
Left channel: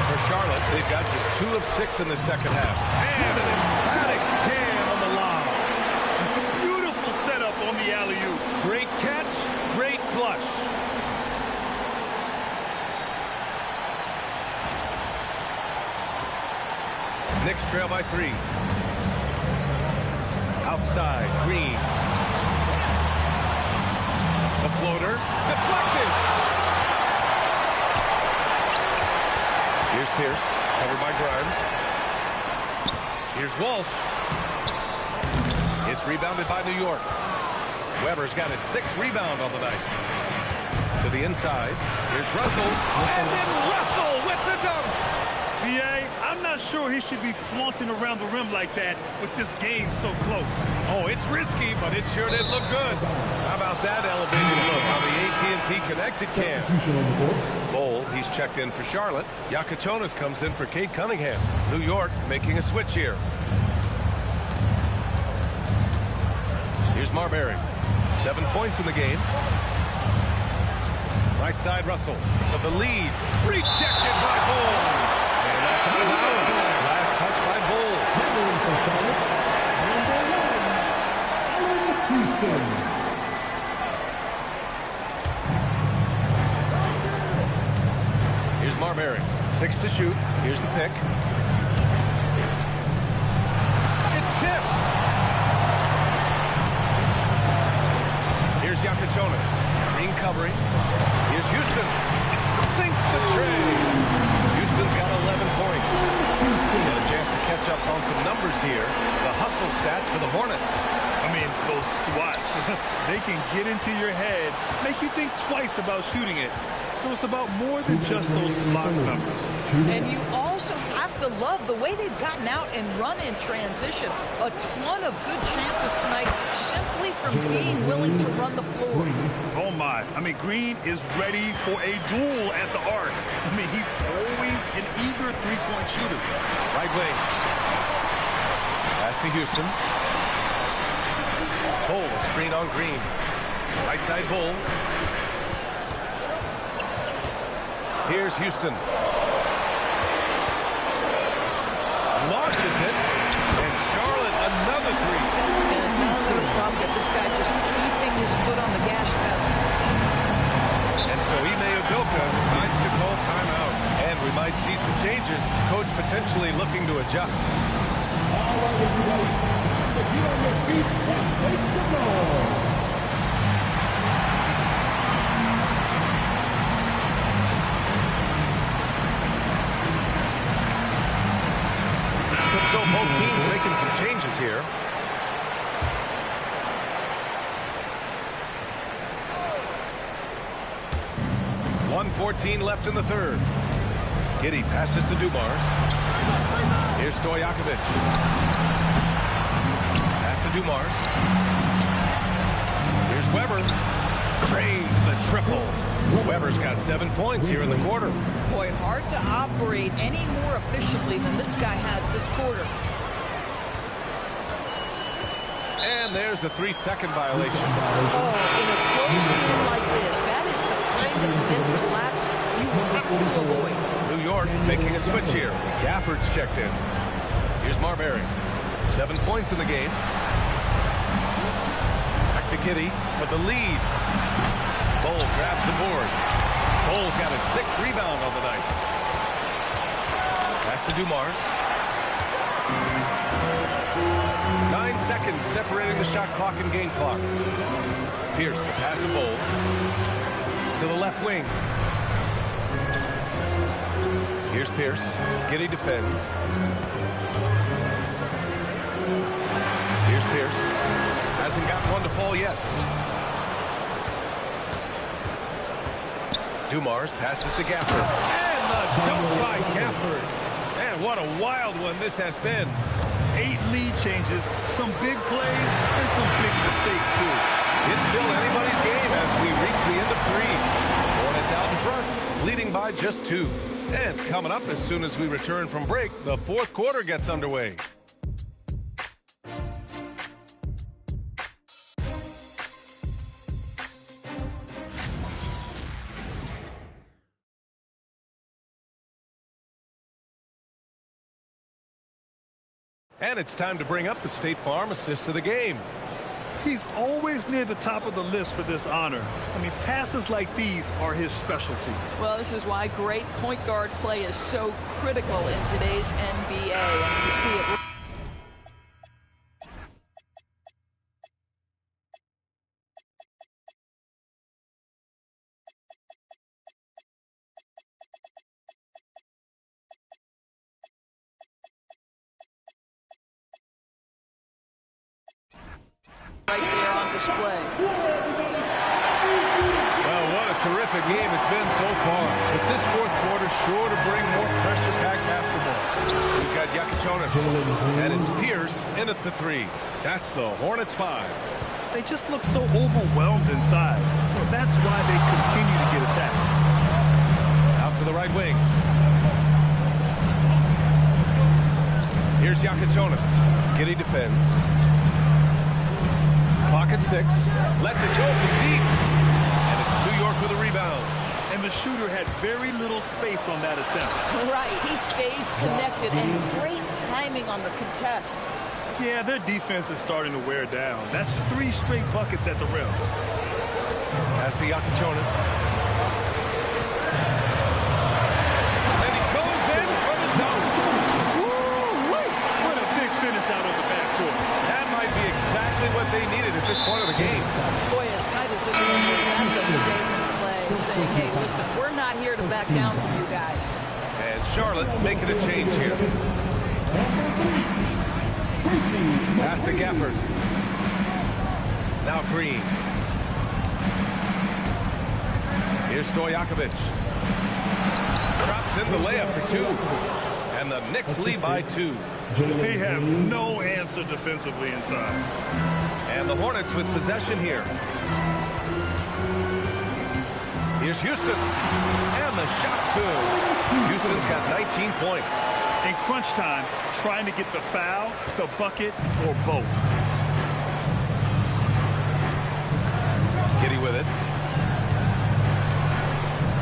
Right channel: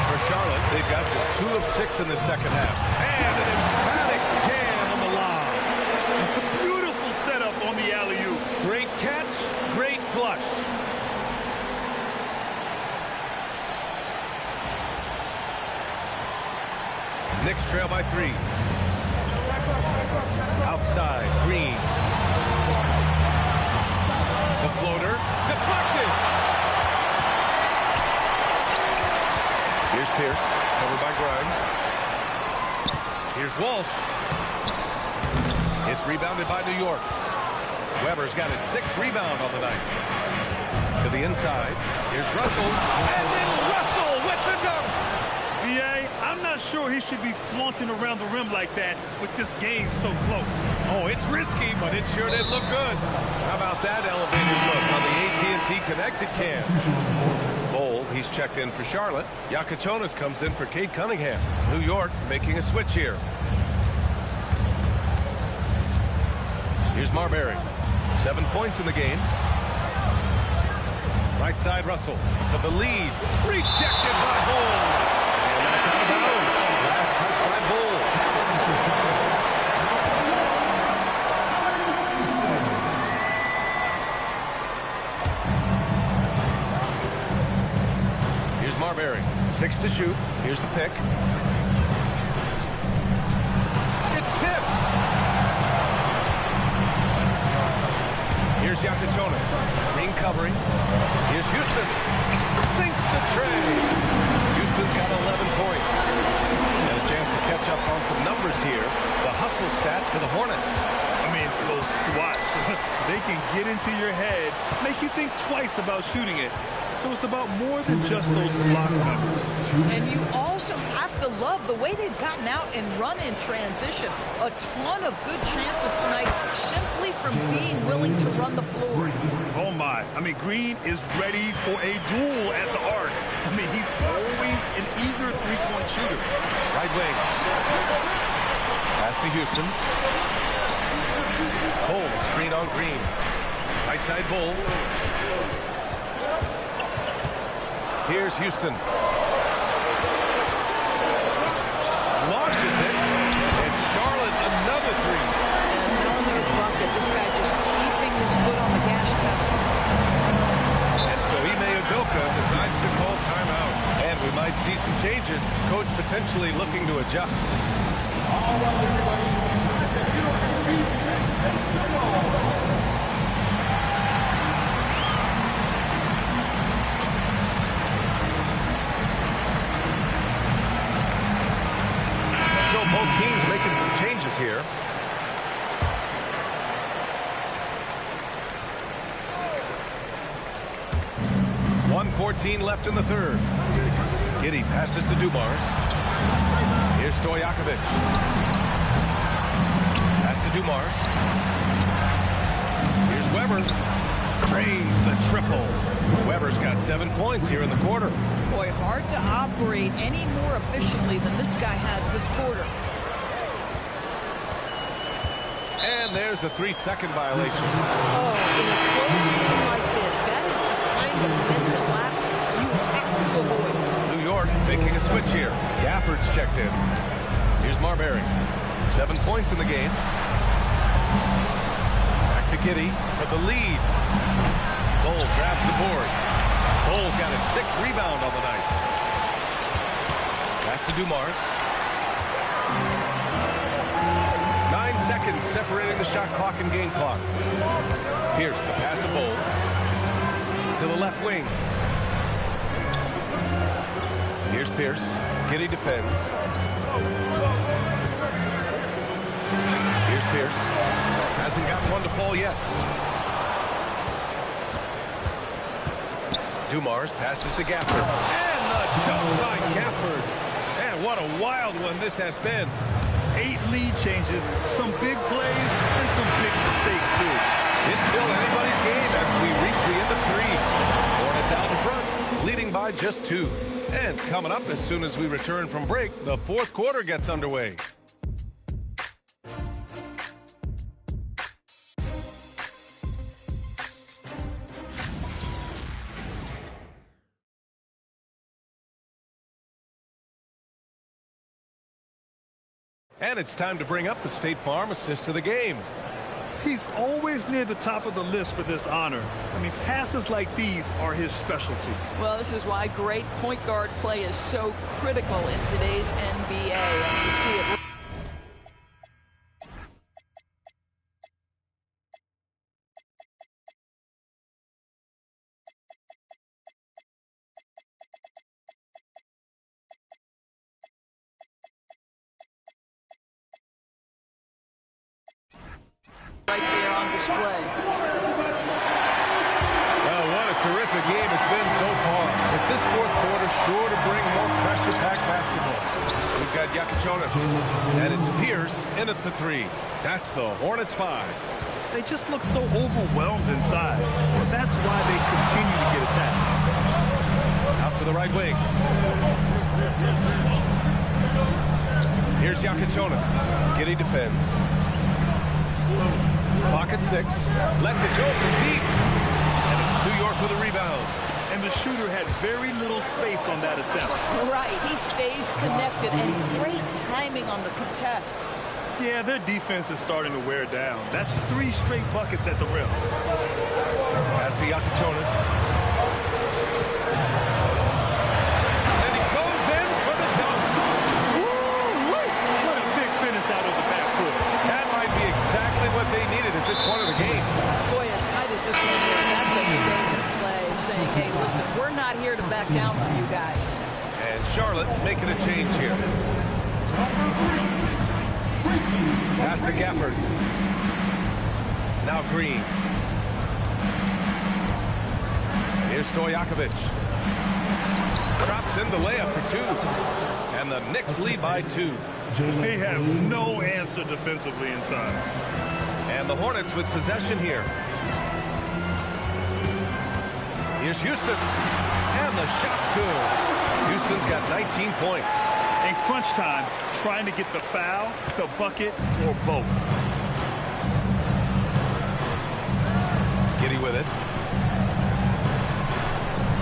For Charlotte, they've got just 2 of 6 in the second half. And an emphatic jam on the lob. Beautiful setup on the alley-oop. Great catch, great flush. Knicks trail by 3. Outside, Green. The floater, deflected. Here's Pierce, covered by Grimes. Here's Walsh. It's rebounded by New York. Weber's got his 6th rebound on the night. To the inside. Here's Russell. And then Russell with the dunk. B.A., I'm not sure he should be flaunting around the rim like that with this game so close. Oh, it's risky, but it sure did look good. How about that elevated look on the AT&T Connected cam? Bowl, he's checked in for Charlotte. Yakachonis comes in for Cade Cunningham. New York making a switch here. Here's Marbury. 7 points in the game. Right side, Russell for the lead. Rejected by Bowl. And that's out of bounds. Last touch by Bowl. Here's Marbury. 6 to shoot. Here's the pick. It's tipped. Here's Yakachonis. Green covering. Here's Houston. Sinks the tray. Houston's got 11 points. And a chance to catch up on some numbers here. The hustle stats for the Hornets. I mean, those swats, they can get into your head, make you think twice about shooting it. So it's about more than just those block numbers. And you also have to love the way they've gotten out and run in transition. A ton of good chances tonight simply from being willing to run the floor. Oh, my. I mean, Green is ready for a duel at the arc. I mean, he's always an eager three-point shooter. Right wing. Pass to Houston. Bull, screen on Green. Right side Bull. Here's Houston. Launches it. And Charlotte, another three. Another bucket. This guy just keeping his foot on the gas pedal. And so Ime Udoka decides to call timeout. And we might see some changes. Coach potentially looking to adjust. All right, everybody. Get on your feet and make some noise. So both teams making some changes here. .114 left in the third. Giddey passes to Dumars. Here's Stojakovic. Pass to Dumars. Here's Weber. Drains the triple. Weber's got 7 points here in the quarter. Boy, hard to operate any more efficiently than this guy has this quarter. And there's a 3-second violation. Oh, in a close game like this, that is the kind of mental lapse you have to avoid. New York making a switch here. Gafford's checked in. Here's Marbury. 7 points in the game. Back to Giddey for the lead. Bull grabs the board. Bull's got his 6th rebound on the night. Pass to Dumars. 9 seconds separating the shot clock and game clock. Pierce, the pass to Bull. To the left wing. Here's Pierce. Giddey defends. Here's Pierce. Hasn't gotten one to fall yet. Dumars passes to Gafford. And the dunk by Gafford. And what a wild one this has been. 8 lead changes, some big plays, and some big mistakes, too. It's still anybody's game as we reach the end of 3. Hornets out in front, leading by just 2. And coming up as soon as we return from break, the 4th quarter gets underway. And it's time to bring up the State Farm assist of the game. He's always near the top of the list for this honor. I mean, passes like these are his specialty. Well, this is why great point guard play is so critical in today's NBA. And you see it. Right there on display. Well, what a terrific game it's been so far. But this 4th quarter sure to bring more pressure-packed basketball. We've got Yakichonis, and it's Pierce in at the 3. That's the Hornets 5. They just look so overwhelmed inside. Well, that's why they continue to get attacked. Out to the right wing. Here's Yakichonis. Giddey defends. Clock at 6. Lets it go from deep. And it's New York with a rebound. And the shooter had very little space on that attempt. Right. He stays connected and great timing on the contest. Yeah, their defense is starting to wear down. That's 3 straight buckets at the rim. Pass to Yakichonis. And he goes in for the dunk. Woo-wee! What a big finish out of the backcourt. That might be exactly what they needed at this point of the game. Boy, as tight as this one is, that's a statement play saying, hey, listen, we're not here to back down from you guys. And Charlotte making a change here. Pass to Gafford. Now Green. Here's Stojakovic. Drops in the layup for 2. And the Knicks lead by 2. They have no answer defensively inside. And the Hornets with possession here. Here's Houston. And the shot's good. Houston's got 19 points. In crunch time, trying to get the foul, the bucket, or both. Giddy with it.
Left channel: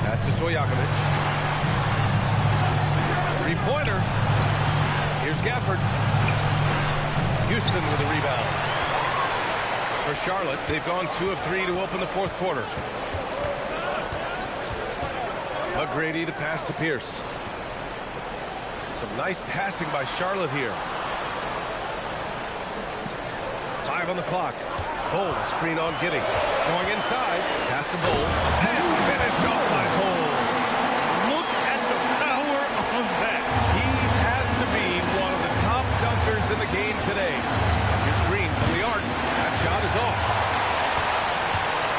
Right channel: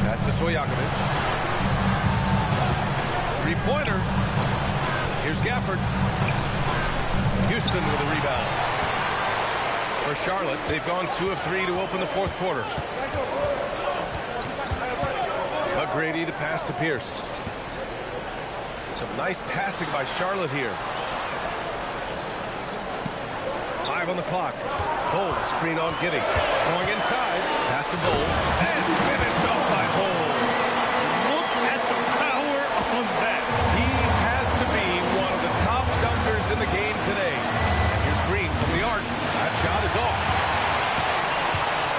Pass to Stojakovic. Three-pointer. Here's Gafford. Houston with a rebound. For Charlotte, they've gone 2 of 3 to open the fourth quarter. McGrady the pass to Pierce. Some nice passing by Charlotte here. 5 on the clock. Bowles, screen on Giddy. Going inside. Pass to Bowles. And finished off by Bowles. Look at the power on that. He has to be one of the top dunkers in the game today. And here's Green from the arc. That shot is off.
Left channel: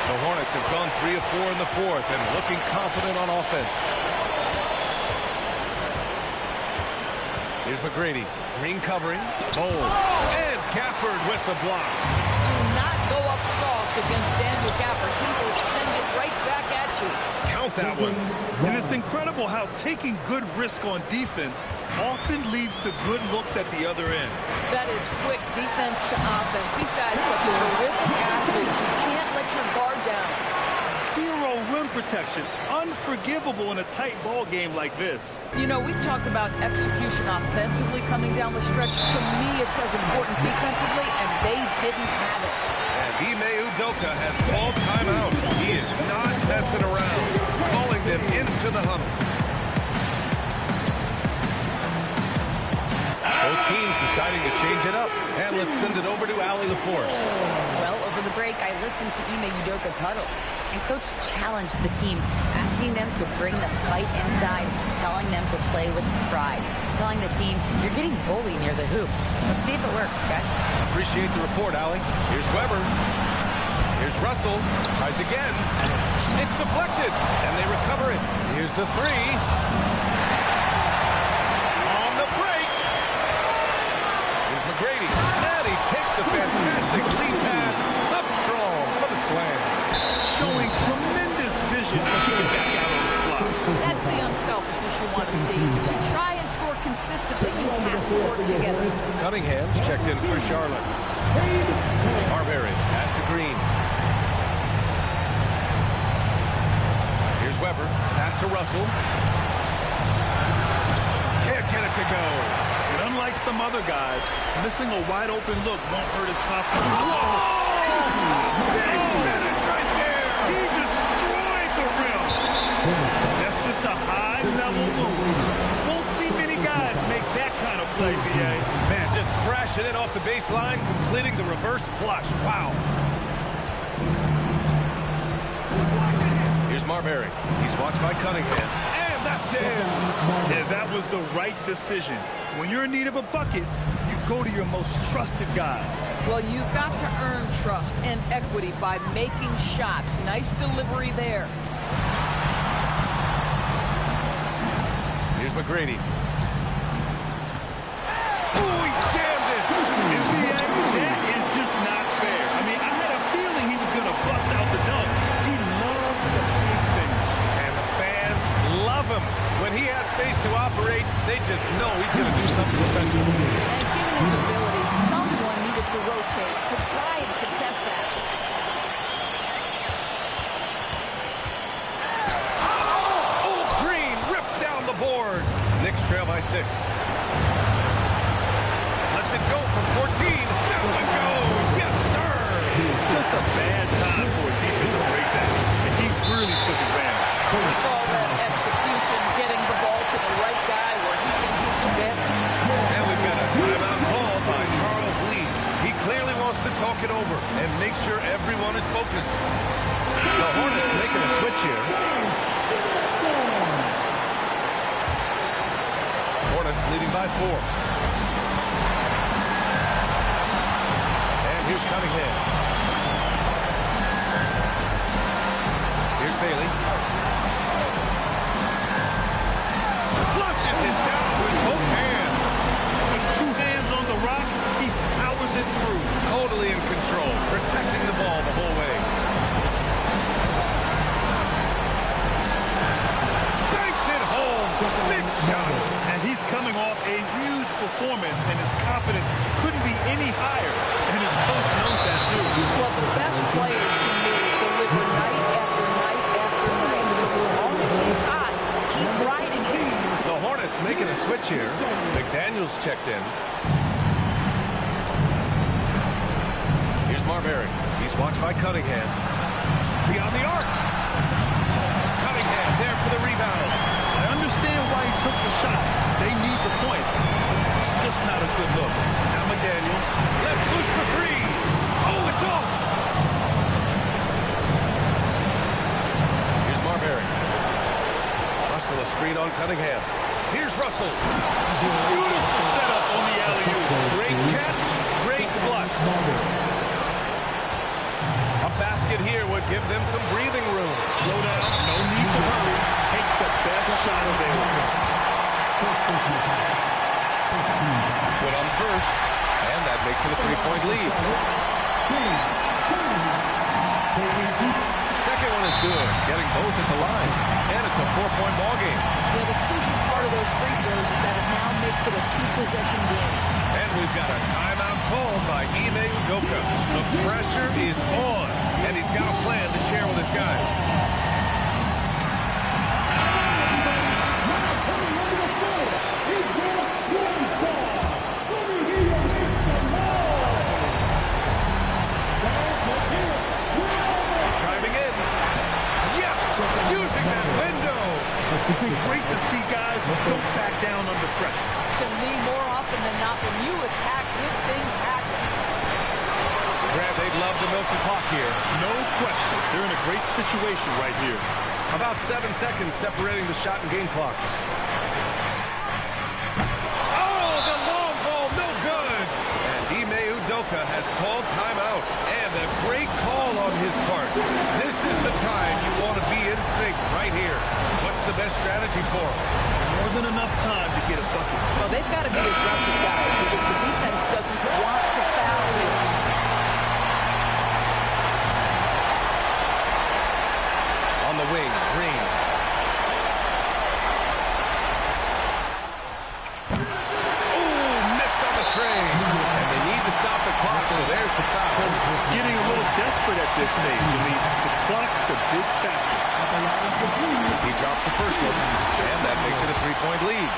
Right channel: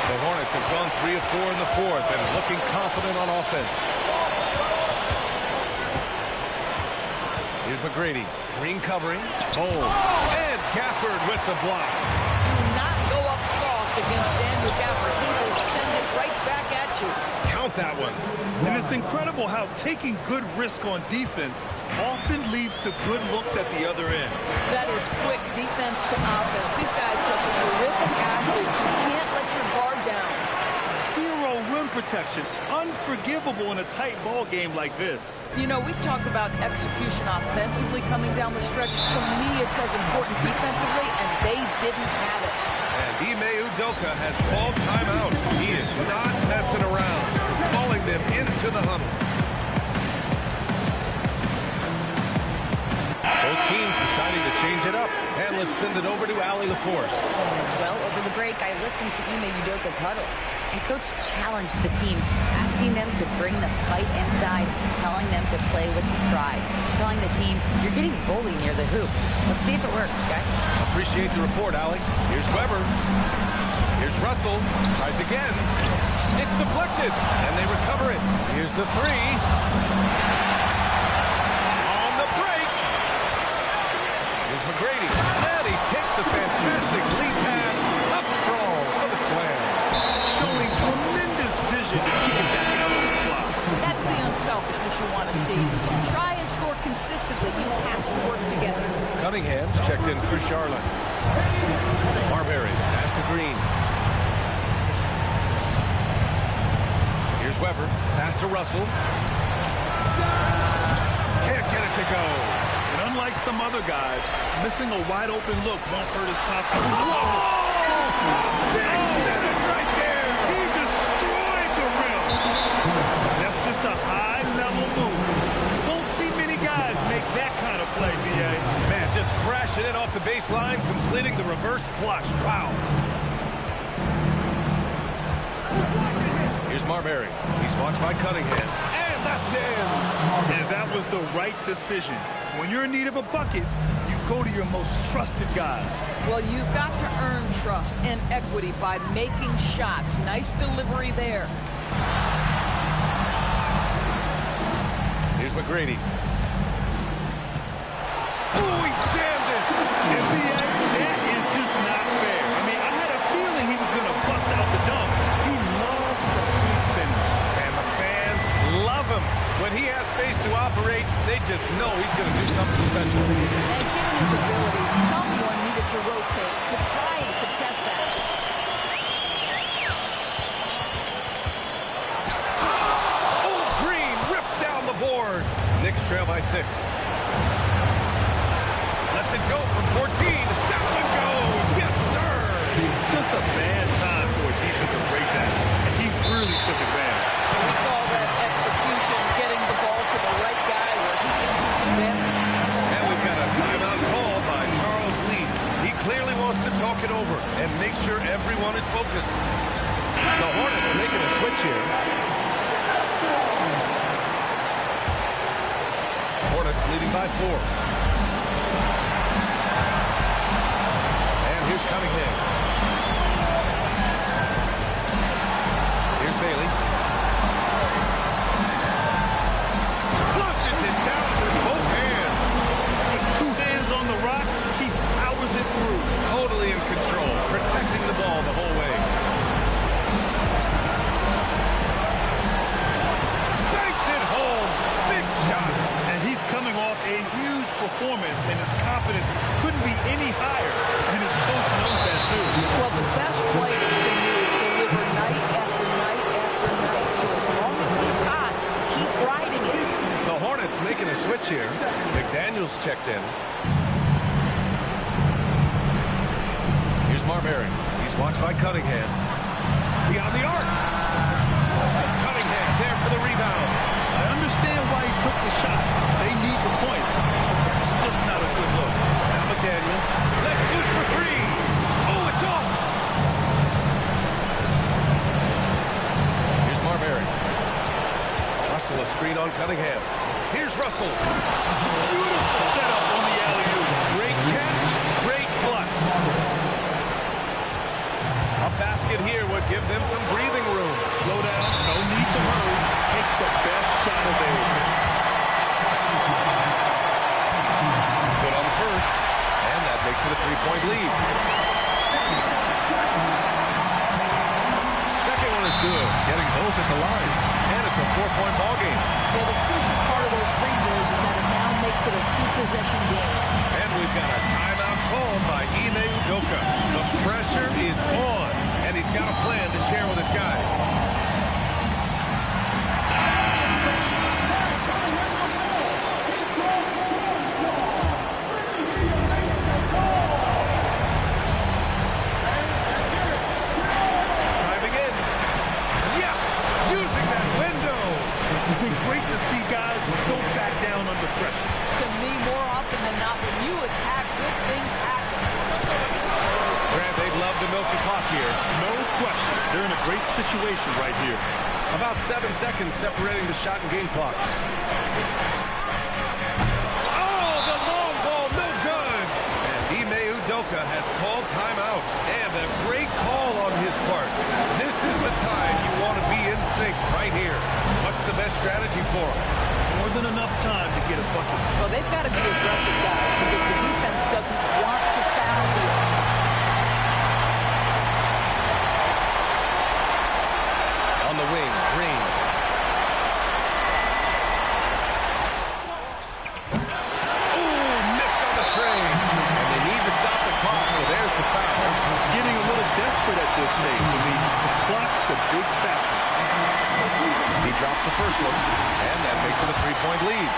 The Hornets have gone 3 of 4 in the fourth and looking confident on offense. Here's McGrady. Green covering. Bowles. And Gafford with the block. Do not go up soft against Daniel Gafford. He will send it right back at you. Count that one. And it's incredible how taking good risk on defense often leads to good looks at the other end. That is quick defense to offense. These guys are such terrific athletes. You can't let your guard down. Zero rim protection. Unforgivable in a tight ball game like this. You know, we talk about execution offensively coming down the stretch. To me, it's as important defensively, and they didn't have it. And Ime Udoka has called timeout. He is not messing around, calling them into the huddle. Both teams deciding to change it up. And let's send it over to Allie LaForce. Well, over the break, I listened to Ime Udoka's huddle. And Coach challenged the team, asking them to bring the fight inside, telling them to play with pride, telling the team, you're getting bullied near the hoop. Let's see if it works, guys. Appreciate the report, Allie. Here's Weber. Here's Russell. Tries again. It's deflected. And they recover it. Here's the 3. On the break. Here's McGrady. And he takes the fantastic lead pass up strong for the slam. Showing tremendous vision to kick it back out on the fly. That's the unselfishness you want to see. To try and score consistently, you have to work together. Cunningham's checked in for Charlotte. Marbury, pass to Green. Here's Weber, pass to Russell. Can't get it to go. And unlike some other guys, missing a wide open look won't hurt his confidence. Whoa! Big finish right there! He destroyed the rim. That's just a high-level move. Won't see many guys make that kind of play, B.A. Man, just crashing in off the baseline, completing the reverse flush. Wow. Here's Marbury. He's watched by Cunningham. And that's in! And that was the right decision. When you're in need of a bucket, you go to your most trusted guys. Well, you've got to earn trust and equity by making shots. Nice delivery there. Here's McGrady. Oh, he jammed it! NBA, that is just not fair. I mean, I had a feeling he was going to bust out the dunk. He loved the big finish. And the fans love him. When he has space to operate, they just know he's going to do something special. And given his ability, someone needed to rotate to try and contest that. Oh, Green rips down the board. Knicks trail by 6. Lets it go from 14. That one goes. Yes, sir. Just a bad time for a defensive breakdown, and he really took advantage. We call that execution, getting the ball to the right guy where he can do some damage. And we've got a timeout called by Charles Lee. He clearly wants to talk it over and make sure everyone is focused. The Hornets making a switch here. Hornets leading by 4. And here's Cunningham. Here's Bailey. the rock, he powers it through. Totally in control, protecting the ball the whole way. Banks it home. Big shot. And he's coming off a huge performance, and his confidence couldn't be any higher. And his coach knows that, too. Well, the best players to me deliver night after night after night. So as long as he's hot, keep riding it. The Hornets making a switch here. McDaniels checked in. Here's Marbury. He's watched by Cunningham. Beyond the arc. Cunningham there for the rebound. I understand why he took the shot. They need the points, but that's just not a good look. Now McDaniels. Let's push for three. Oh, it's off. Here's Marbury. Russell a screen on Cunningham. Here's Russell. Beautiful setup on the alley-oop. Great catch, great flush. A basket here would give them some breathing room. Slow down, no need to hurry. Take the best shot available. Good on first, and that makes it a three-point lead. Second one is good, getting both at the line. And it's a four-point ball game. Yeah, the crucial part of those free throws is that it now makes it a two-possession game. And we've got a timeout called by Ime Udoka. The pressure is on, and he's got a plan to share with his guys. Driving in. Yes! Using that window. It's been great to see guys who don't back down under pressure. To me, more often than not, when you attack, good things happen. Grant, they'd love to milk the clock here. No question. They're in a great situation right here. About 7 seconds separating the shot and game clocks. Oh, the long ball, no good. And Ime Udoka has called timeout. And a great call on his part. This is the time you want to be in sync right here. What's the best strategy for him? More than enough time to get a bucket. Well, they've got to be aggressive, guys, because the defense doesn't want to foul here. On the wing, Green. Oh, missed on the train. And they need to stop the clock, so there's the foul. Getting a little desperate at this stage. I mean, the clock's the big factor. He drops the first one, and that makes it a three-point lead.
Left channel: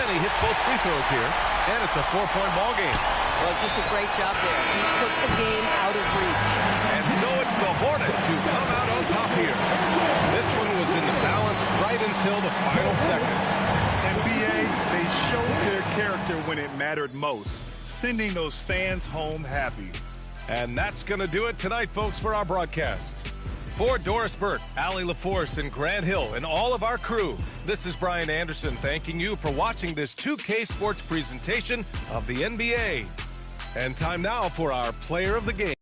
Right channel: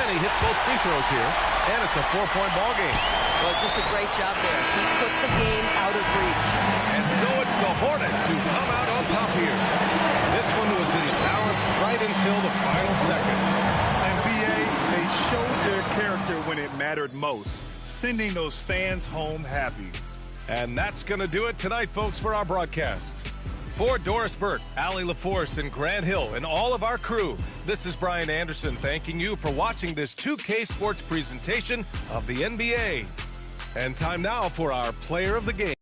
And he hits both free throws here, and it's a four-point ball game. Well, just a great job there. He put the game out of reach. And so it's the Hornets who come out on top here. This one was in the balance right until the final seconds. And B.A., they showed their character when it mattered most, sending those fans home happy. And that's going to do it tonight, folks, for our broadcast. For Doris Burke, Allie LaForce, and Grant Hill, and all of our crew, this is Brian Anderson thanking you for watching this 2K Sports presentation of the NBA. And time now for our player of the game.